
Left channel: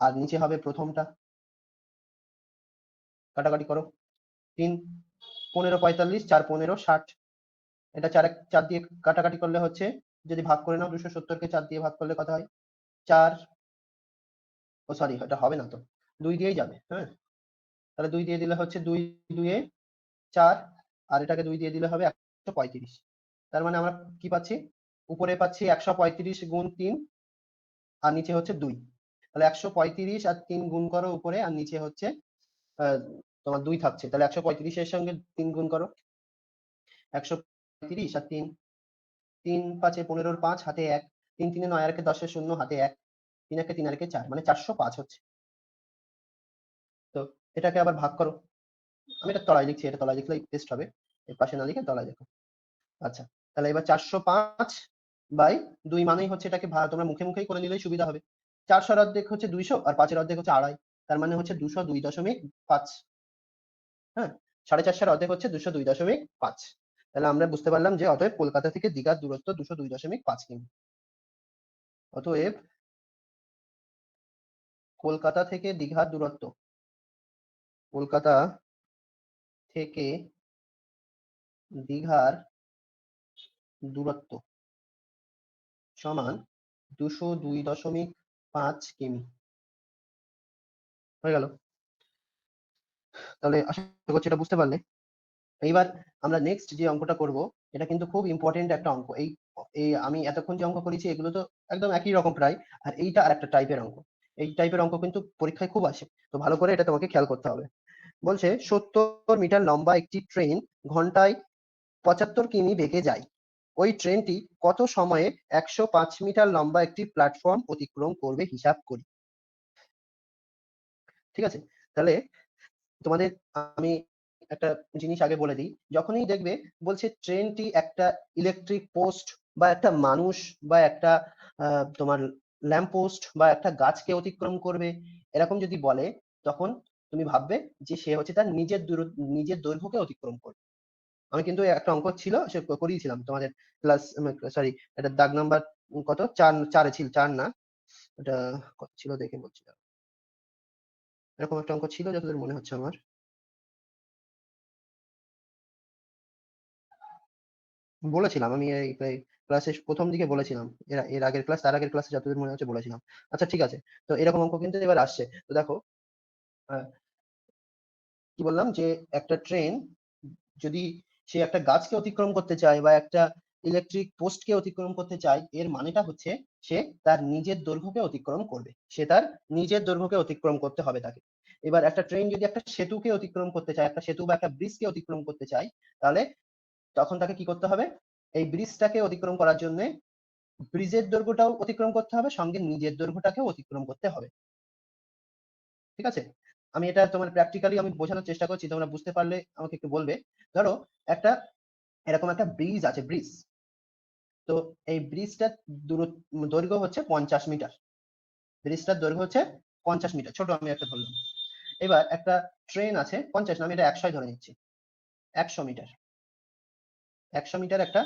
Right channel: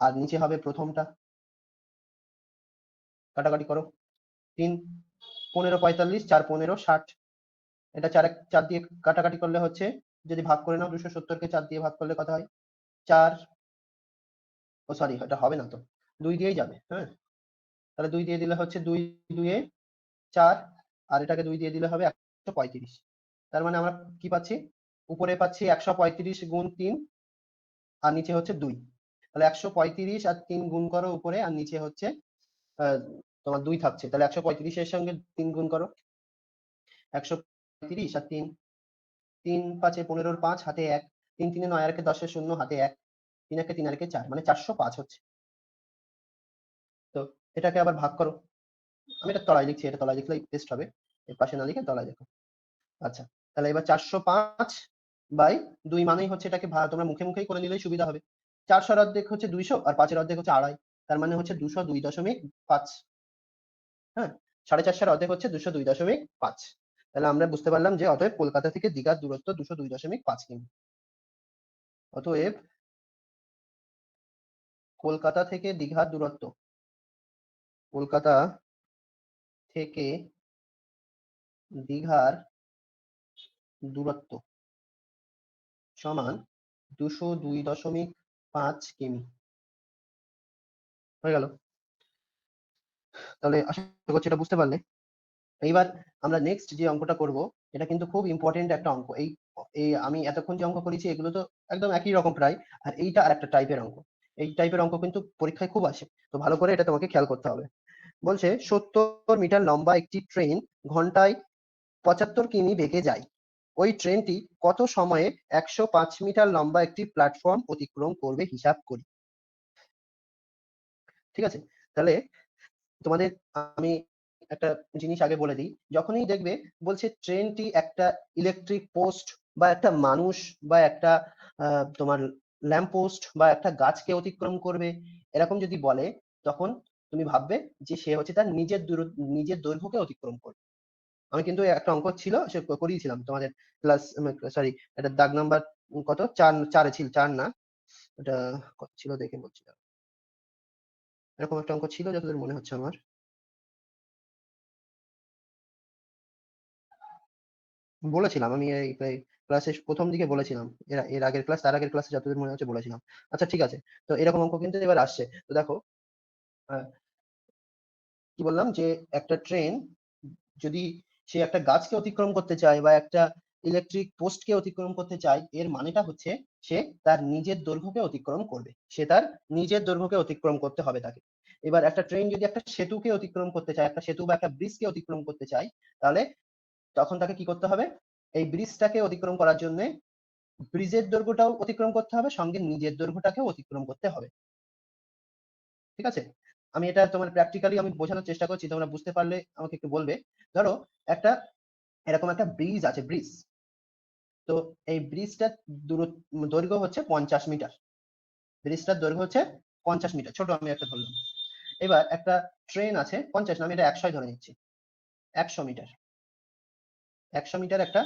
আর নিচে হবে প্রথমটা। কাটাকাটি করো। 3 15 45 4 15 60। এটা 4 দিয়ে কাটাকাটি করলে হচ্ছে, যদি ভাগ করে নাও 270 কে 4 দিয়ে ভাগ করলে কত হয়? 4, ও সরি এটা হবে না তো, 2 দিয়েই যাবে। হ্যাঁ, তাহলে 2 দিয়ে দিলে হচ্ছে 2 2 এ 4, আর এটাকে 2 দিয়ে দিলে হবে 135। তার মানে আমরা কি পাচ্ছি? উপরে পাচ্ছি 135 গুণ 3 আর নিচে হচ্ছে 2। তাহলে 135 আর 3 গুণ করো উপরে, আর নিচে হচ্ছে তোমার 2 থাকছে। তাহলে 135 এর সঙ্গে 3 গুণ করো। 135 আর 3, 3 5 15 5 হাতে 1, 3 3 9 আর 10 0 হাতে 1, 3 1 3 আর 4, মানে 405 হচ্ছে। তো এটাকে আবার ভাগ করো। আমি এটা তলায় লিখছি, এটা তলায় লিখলেই বেস্ট হবে, এর পাশে না লিখে তলায় লিখো। আচ্ছা, তাহলে এবার 405 বাই 2 মানেই হচ্ছে এটাকে তোমরা মুখে মুখেই করে নিলেই সুবিধা হবে। 400 অর্ধেক হচ্ছে 200 আর 5 এর অর্ধেক হচ্ছে 2.5, তার মানে হচ্ছে 202.5। হ্যাঁ, 450 অর্ধেক হচ্ছে 202.5। তাহলে আমরা বুঝতে পারলাম যে অতএব কলকাতা থেকে দীঘার দূরত্ব 202.5 কিমি। অতএব কলকাতা থেকে দীঘার দূরত্ব, কলকাতা থেকে দীঘার দূরত্ব সমান 202.5 কিমি। হয়ে গেল। তাহলে আশা করছি এটা বুঝতে পারলে। এইবার আমরা নেক্সট যে অঙ্কটা করব, এটা কিন্তু খুব ইম্পর্টেন্ট একটা অঙ্ক। এই এই আমি এতক্ষণ যে অঙ্ক করেছি এগুলো তো একদম একই রকম প্রায়, আর এইটা আর একটা টাইপের অঙ্ক। এই টাইপের অঙ্ক কিন্তু পরীক্ষায় খুব আসে, তো ভালো করে এটা তোমাকে খেয়াল করতে হবে। বলছে 70 মিটার লম্বা একটি ট্রেন ঘন্টায় 75 কিমি বেগে যায়। ওই ট্রেনটি কত সময়ে 105 মিটার লম্বা একটি প্ল্যাটফর্ম অতিক্রম করবে হিসাব করি। ঠিক আছে, তাহলে তোমাদের আমি একটা জিনিস আগে বলে দিই। যখনই দেখবে বলছে ট্রেনটি একটা ইলেকট্রিক পোস্ট বা একটা মানুষ বা একটা তোমার ল্যাম্প পোস্ট বা একটা গাছকে অতিক্রম করবে, এরকম যদি বলে, তখন তুমি ভাববে যে সে হচ্ছে তার নিজের দৈর্ঘ্যকে অতিক্রম করবে। আমি কিন্তু একটা অঙ্ক ছিল, সে করিয়েছিলাম তোমাদের ক্লাস, সরি, এটা দাগ নাম্বার কত, 4 ছিল, 4 না, এটা কত ছিল দেখি বলছি। এরকম একটা অঙ্ক ছিল যতদূর মনে হচ্ছে আমার, বলেছিলাম আমি এই প্রায় ক্লাসের প্রথম দিকে বলেছিলাম। এর এর আগের ক্লাস, তার আগের ক্লাসে যতদূর মনে হচ্ছে বলেছিলাম। আচ্ছা ঠিক আছে, তো এরকম অঙ্ক কিন্তু এবার আসছে। তো দেখো, আহ, কি বললাম যে একটা ট্রেন যদি সে একটা গাছকে অতিক্রম করতে চায় বা একটা ইলেকট্রিক পোস্টকে অতিক্রম করতে চায়, এর মানেটা হচ্ছে সে তার নিজের দৈর্ঘ্যকে অতিক্রম করবে, সে তার নিজের দৈর্ঘ্যকে অতিক্রম করতে হবে তাকে। এবার একটা ট্রেন যদি একটা সেতুকে অতিক্রম করতে চায়, একটা সেতু বা একটা ব্রিজকে অতিক্রম করতে চায়, তাহলে তখন তাকে কি করতে হবে? এই ব্রিজটাকে অতিক্রম করার জন্য ব্রিজের দৈর্ঘ্যটাও অতিক্রম করতে হবে, সঙ্গে নিজের দৈর্ঘ্যটাকেও অতিক্রম করতে হবে। ঠিক আছে, আমি এটা তোমার প্র্যাকটিক্যালি আমি বোঝানোর চেষ্টা করছি, তোমরা বুঝতে পারলে আমাকে একটু বলবে। ধরো একটা এরকম একটা ব্রিজ আছে, ব্রিজ। তো এই ব্রিজটার দৈর্ঘ্য হচ্ছে 50 মিটার। ব্রিজটার দৈর্ঘ্য হচ্ছে 50 মিটার, ছোট আমি একটা ধরলাম। এবার একটা ট্রেন আছে, 50 না, আমি এটা 100 ধরে নিচ্ছি। 100 মিটার, 100 মিটার একটা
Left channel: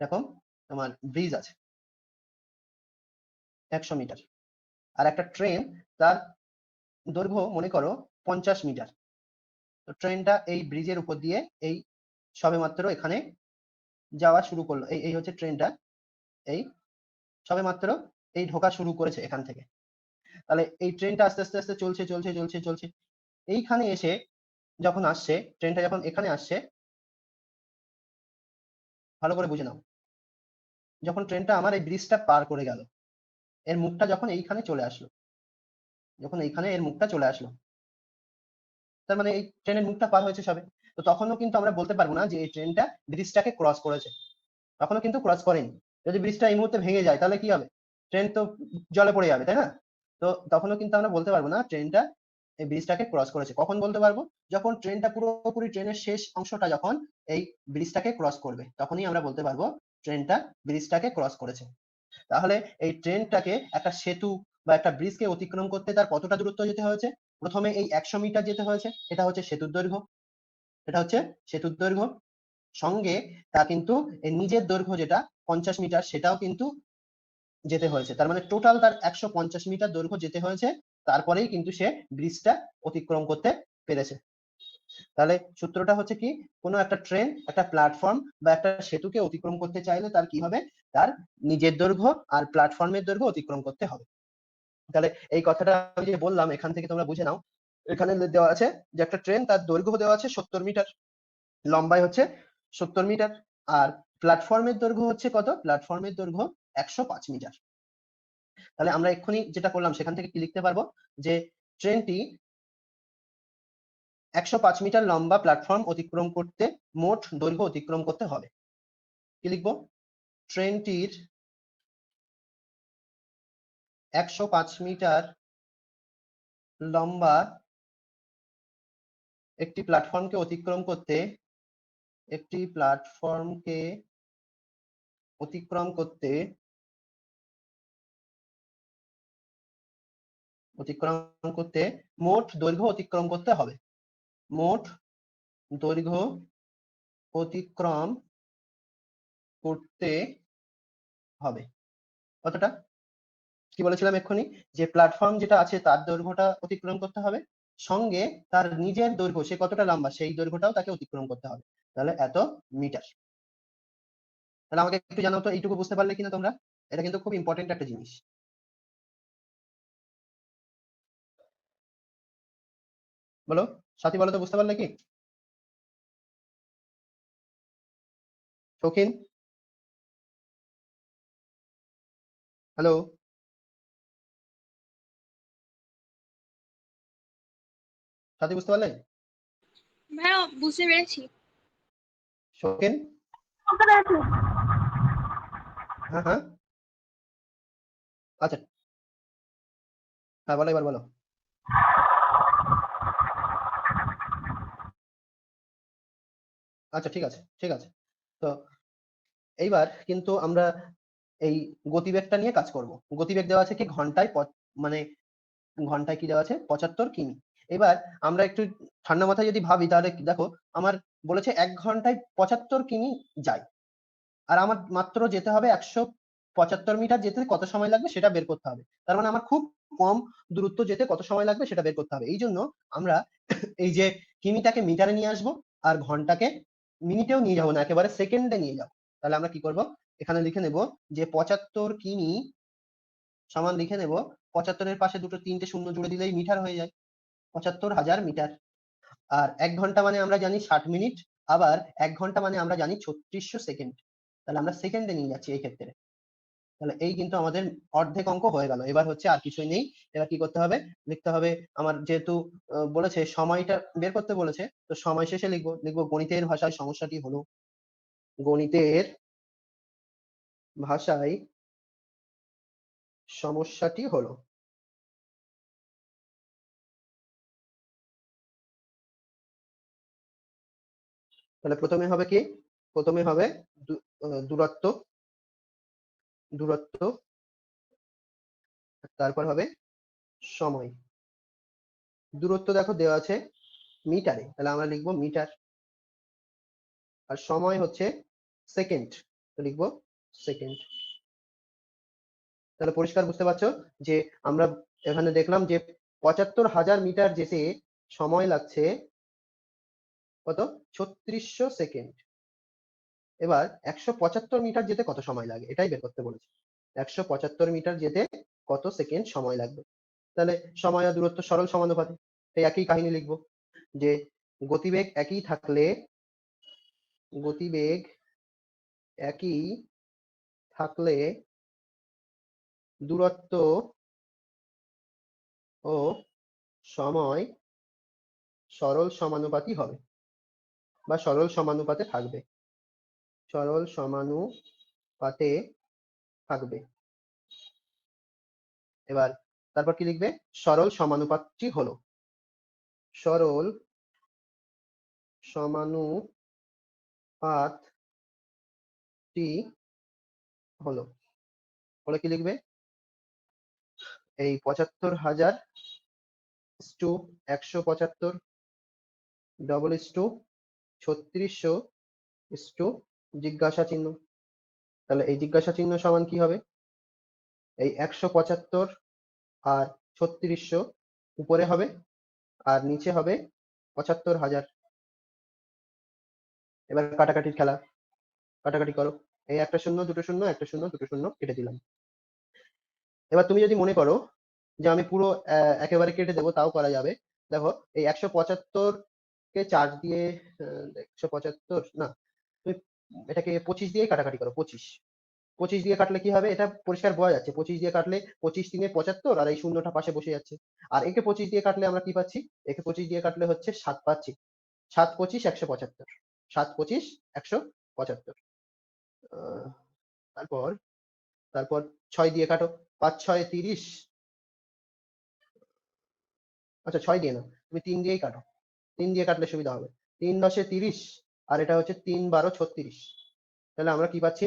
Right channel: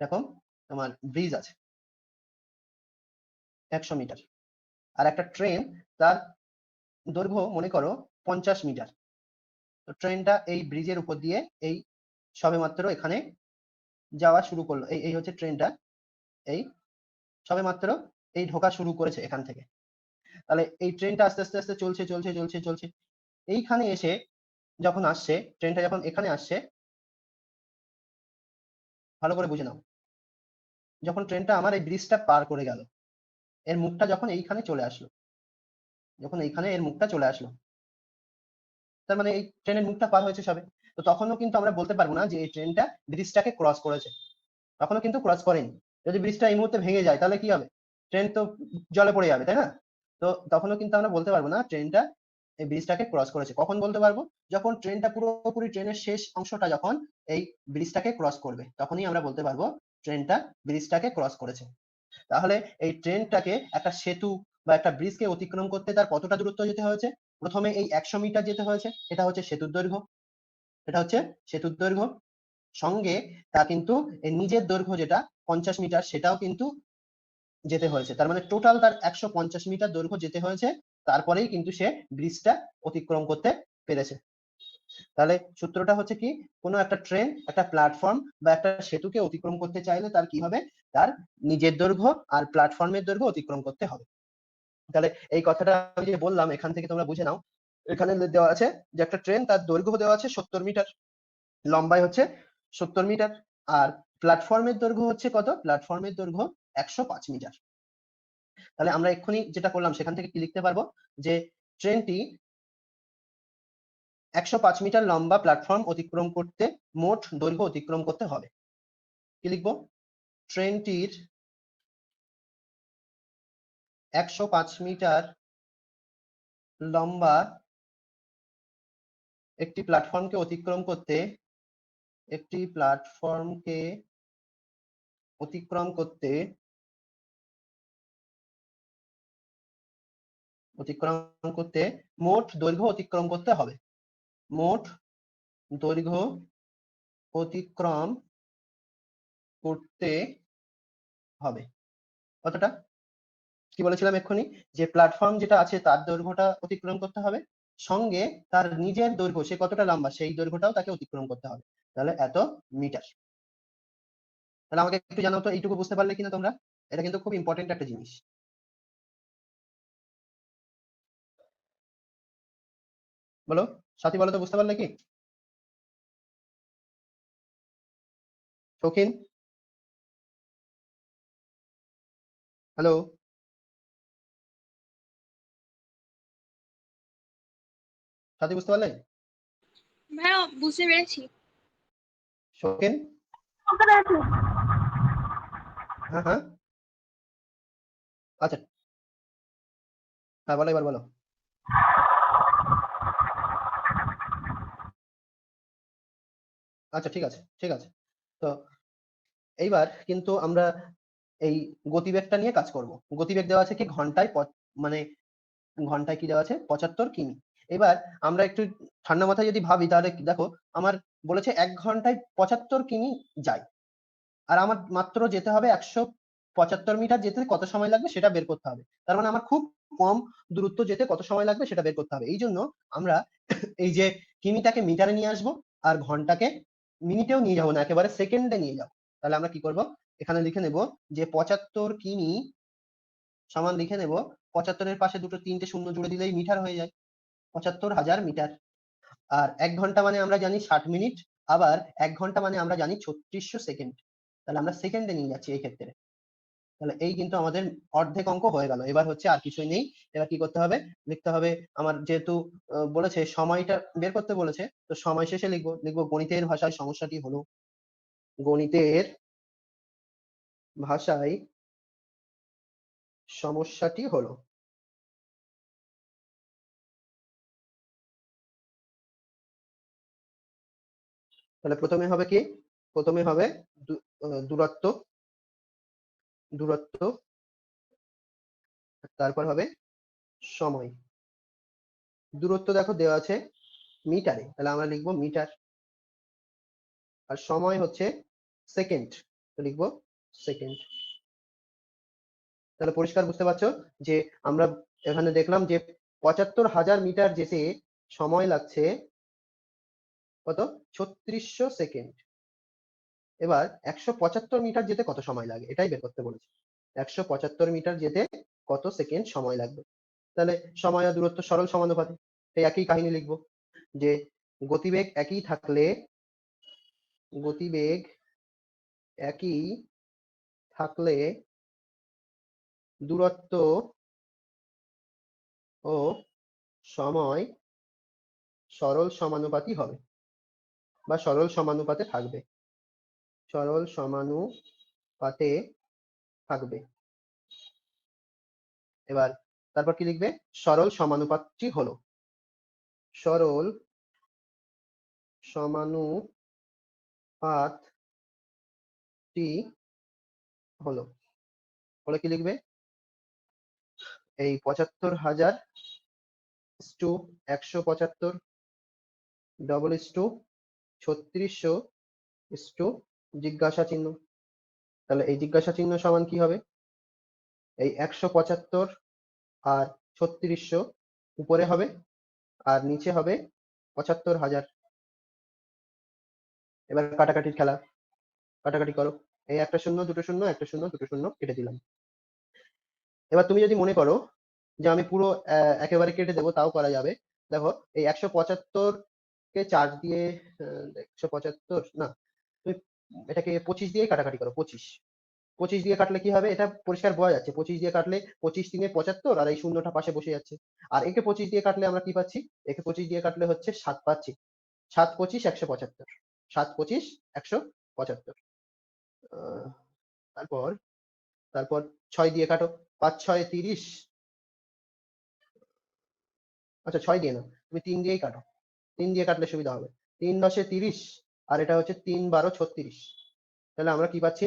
এরকম তোমার ব্রিজ আছে, 100 মিটার। আর একটা ট্রেন, তার দৈর্ঘ্য মনে করো 50 মিটার। তো ট্রেনটা এই ব্রিজের উপর দিয়ে এই সবেমাত্র এখানে যাওয়া শুরু করলো, এই এই হচ্ছে ট্রেনটা, এই সবেমাত্র এই ঢোকা শুরু করেছে এখান থেকে। তাহলে এই ট্রেনটা আস্তে আস্তে আস্তে চলছে চলছে চলছে চলছে, এইখানে এসে যখন আসছে, ট্রেনটা যখন এখানে আসছে, ভালো করে বুঝে নাও, যখন ট্রেনটা আমার এই ব্রিজটা পার করে গেল, এর মুখটা যখন এইখানে চলে আসলো, যখন এইখানে এর মুখটা চলে আসলো, তার মানে এই ট্রেনের মুখটা পার হয়েছে সবে। তো তখনও কিন্তু আমরা বলতে পারবো না যে এই ট্রেনটা ব্রিজটাকে ক্রস করেছে, তখনও কিন্তু ক্রস করেনি। যদি ব্রিজটা এই মুহূর্তে ভেঙে যায় তাহলে কি হবে? ট্রেন তো জলে পড়ে যাবে, তাই না? তো তখনও কিন্তু আমরা বলতে পারবো না ট্রেনটা এই ব্রিজটাকে ক্রস করেছে। কখন বলতে পারবো? যখন ট্রেনটা পুরোপুরি, ট্রেনের শেষ অংশটা যখন এই ব্রিজটাকে ক্রস করবে, তখনই আমরা বলতে পারবো ট্রেনটা ব্রিজটাকে ক্রস করেছে। তাহলে এই ট্রেনটাকে একটা সেতু বা একটা ব্রিজকে অতিক্রম করতে তার কতটা দূরত্ব যেতে হয়েছে? প্রথমে এই 100 মিটার যেতে হয়েছে, এটা হচ্ছে সেতুর দৈর্ঘ্য, এটা হচ্ছে সেতুর দৈর্ঘ্য। সঙ্গে তা কিন্তু এর নিজের দৈর্ঘ্য যেটা 50 মিটার, সেটাও কিন্তু যেতে হয়েছে। তার মানে টোটাল তার 150 মিটার দৈর্ঘ্য যেতে হয়েছে, তারপরেই কিন্তু সে ব্রিজটা অতিক্রম করতে পেরেছে। তাহলে সূত্রটা হচ্ছে কি, কোনো একটা ট্রেন একটা প্ল্যাটফর্ম বা একটা সেতুকে অতিক্রম করতে চাইলে তার কি হবে, তার নিজের দৈর্ঘ্য আর প্ল্যাটফর্মের দৈর্ঘ্য অতিক্রম করতে হবে। তাহলে এই কথাটা আমি যে বললাম এখান থেকে তোমরা বুঝে নাও। এখানে দেওয়া আছে যে একটা ট্রেন তার দৈর্ঘ্য দেওয়া আছে 70 মিটার, লম্বাই হচ্ছে 70 মিটার, আর প্ল্যাটফর্মের দৈর্ঘ্য হচ্ছে কত? প্ল্যাটফর্মের দৈর্ঘ্য 105 মিটার। তাহলে আমরা এক্ষুনি যেটা করলাম সেখান থেকে কি লিখতে পারবো, যে ট্রেনটি 105 মিটার লম্বা প্ল্যাটফর্ম অতিক্রম করতে মোট দৈর্ঘ্য অতিক্রম করতে হবে। কি লিখবো? ট্রেনটির 105 মিটার লম্বা একটি প্ল্যাটফর্মকে অতিক্রম করতে, একটি প্ল্যাটফর্মকে অতিক্রম করতে অতিক্রম করতে মোট দৈর্ঘ্য অতিক্রম করতে হবে। মোট দৈর্ঘ্য অতিক্রম করতে হবে কতটা? কি বলেছিলাম এক্ষুনি, যে প্ল্যাটফর্ম যেটা আছে তার দৈর্ঘ্যটা অতিক্রম করতে হবে, সঙ্গে তার নিজের দৈর্ঘ্য সে কতটা লম্বা সেই দৈর্ঘ্যটাও তাকে অতিক্রম করতে হবে। তাহলে এত মিটার। তাহলে আমাকে একটু জানাও তো এইটুকু বুঝতে পারলে কিনা তোমরা? এটা কিন্তু খুব ইম্পর্টেন্ট একটা জিনিস। বলো, সাথী বলো তো, বুঝতে পারলে কি? হ্যালো, সাথী বুঝতে পারলেন? ভাইয়া বুঝতে পেরেছি। শৌখিন? বুঝতে পেরেছি। হ্যাঁ হ্যাঁ, আচ্ছা, হ্যাঁ বলো, এবার বলো। আচ্ছা, ঠিক আছে ঠিক আছে। তো এইবার কিন্তু আমরা এই গতিবেগটা নিয়ে কাজ করব। গতিবেগ দেওয়া আছে কি ঘন্টায় মানে ঘন্টায় কি দেওয়া আছে? 75 কিমি। এবার আমরা একটু ঠান্ডা মাথায় যদি ভাবি তাহলে দেখো, আমার বলেছে 1 ঘন্টায় 75 কিমি যায়, আর আমার মাত্র যেতে হবে 175 মিটার, যেতে কত সময় লাগবে সেটা বের করতে হবে। তার মানে আমার খুব কম দূরত্ব যেতে কত সময় লাগবে সেটা বের করতে হবে। এই জন্য আমরা এই যে কিমিটাকে মিটারে নিয়ে আসবো, আর ঘন্টাকে মিনিটেও নিয়ে যাবো না, একেবারে সেকেন্ডে নিয়ে যাবো। তাহলে আমরা কি করব, এখানে লিখে নেব যে 75 কিমি সমান, লিখে নেব 75-এর পাশে দুটো তিনটে শূন্য জুড়ে দিলেই মিটার হয়ে যায়, 75,000 মিটার। আর 1 ঘন্টা মানে আমরা জানি 60 মিনিট, আবার 1 ঘন্টা মানে আমরা জানি 3600 সেকেন্ড। তাহলে আমরা সেকেন্ডে নিয়ে যাচ্ছি এই ক্ষেত্রে। তাহলে এই কিন্তু আমাদের অর্ধেক অঙ্ক হয়ে গেল। এবার হচ্ছে আর কিছুই নেই। এবার কি করতে হবে, লিখতে হবে আমার যেহেতু বলেছে সময়টা বের করতে বলেছে, তো সময় শেষে লিখবো, গণিতের ভাষায় সমস্যাটি হলো, গণিতের ভাষায় সমস্যাটি হলো। তাহলে প্রথমে হবে কি, প্রথমে হবে দূরত্ব, দূরত্ব, তারপর হবে সময়। দূরত্ব দেখো দেওয়া আছে মিটারে, তাহলে আমরা লিখবো মিটার, আর সময় হচ্ছে সেকেন্ড, তো লিখবো সেকেন্ড। তাহলে পরিষ্কার বুঝতে পারছো যে আমরা এখানে দেখলাম যে 75,000 মিটার যেতে সময় লাগছে কত? 3600 সেকেন্ড। এবার 175 মিটার যেতে কত সময় লাগে এটাই বের করতে বলেছে। 175 মিটার যেতে কত সেকেন্ড সময় লাগে? তাহলে সময় আর দূরত্ব সরল সমানুপাতিক, এই একই কাহিনী লিখবো, যে গতিবেগ একই থাকলে, গতিবেগ একই থাকলে দূরত্ব ও সময় সরল সমানুপাতি হবে, বা সরল সমানুপাতে থাকবে, সরল সমানুপাতে থাকবে। এবার তারপর কি লিখবে? সরল সমানুপাতটি হলো, সরল সমানুপাতটি হলো। বলে কি লিখবে? এই ৭৫,০০০ টু ১৭৫ ডবল টু ৩৬০০ টু জিজ্ঞাসা চিহ্ন। তাহলে এই জিজ্ঞাসা চিহ্ন সমান কি হবে? এই ১৭৫ আর ৩৬০০ উপরে হবে আর নিচে হবে ৭৫,০০০। এবার কাটাকাটির খেলা, কাটাকাটি করো। এই একটা শূন্য, দুটো শূন্য, একটা শূন্য, দুটো শূন্য কেটে দিলাম। এবার তুমি যদি মনে করো যে আমি পুরো একেবারে কেটে দেবো, তাও করা যাবে। দেখো, এই ১৭৫ কে ৪ দিয়ে ১৭৫ না, তুমি এটাকে ২৫ দিয়ে কাটাকাটি করো। ২৫ দিয়ে কাটলে কি হবে? এটা পরিষ্কার বোঝা যাচ্ছে। ২৫ দিয়ে কাটলে ২৫ ৩ ৭৫ আর এই শূন্যটা পাশে বসে যাচ্ছে। আর একে ২৫ দিয়ে কাটলে আমরা কি পাচ্ছি? একে ২৫ দিয়ে কাটলে হচ্ছে ৭ পাচ্ছি। ৭ ২৫ ১৭৫। ৭ ২৫ ১৭৫। তারপর তারপর ৬ দিয়ে কাটো। ৫ ৬ ৩০। আচ্ছা, ৬ দিয়ে না, তুমি ৩ দিয়েই কাটো। ৩ দিয়ে কাটলে সুবিধা হবে। ৩ ১০ ৩০ আর এটা হচ্ছে ৩ ১২ ৩৬। তাহলে আমরা কি পাচ্ছি?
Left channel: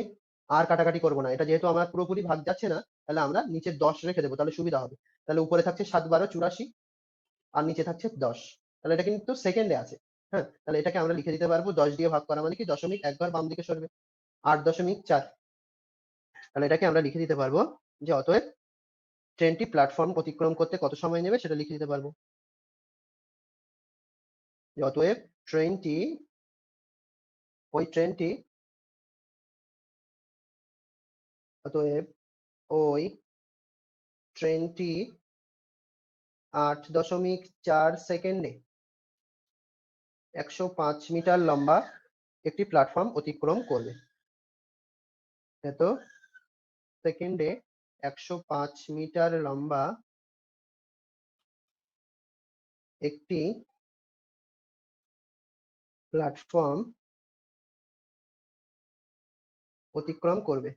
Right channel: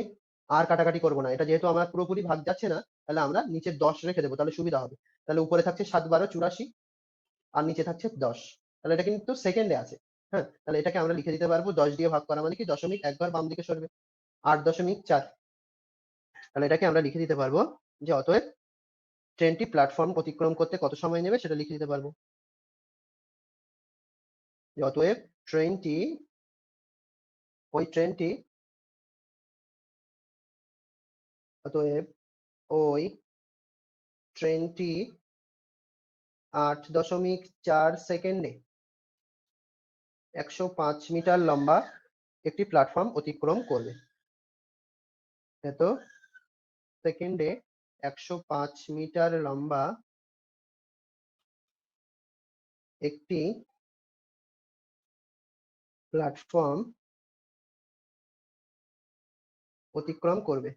আর কাটাকাটি করবো না। এটা যেহেতু আমার পুরোপুরি ভাগ যাচ্ছে না, তাহলে আমরা নিচে ১০ রেখে দেবো, তাহলে সুবিধা হবে। তাহলে উপরে থাকছে ৭ ১২ ৮৪ আর নিচে থাকছে ১০। তাহলে এটা কিন্তু সেকেন্ডে আছে। হ্যাঁ, তাহলে এটাকে আমরা লিখে দিতে পারবো ১০ দিয়ে ভাগ করা মানে কি দশমিক একবার বাম দিকে সরবে। ৮.৪। তাহলে এটাকে আমরা লিখে দিতে পারবো যে অতএব ট্রেনটি প্ল্যাটফর্ম অতিক্রম করতে কত সময় নেবে সেটা লিখে দিতে পারবো। যে অতএব ট্রেনটি ওই ট্রেনটি অতএব ওই ট্রেনটি ৮.৪ সেকেন্ডে ১০৫ মিটার লম্বা একটি প্ল্যাটফর্ম অতিক্রম করবে। এত সেকেন্ডে ১০৫ মিটার লম্বা একটি প্ল্যাটফর্ম অতিক্রম করবে।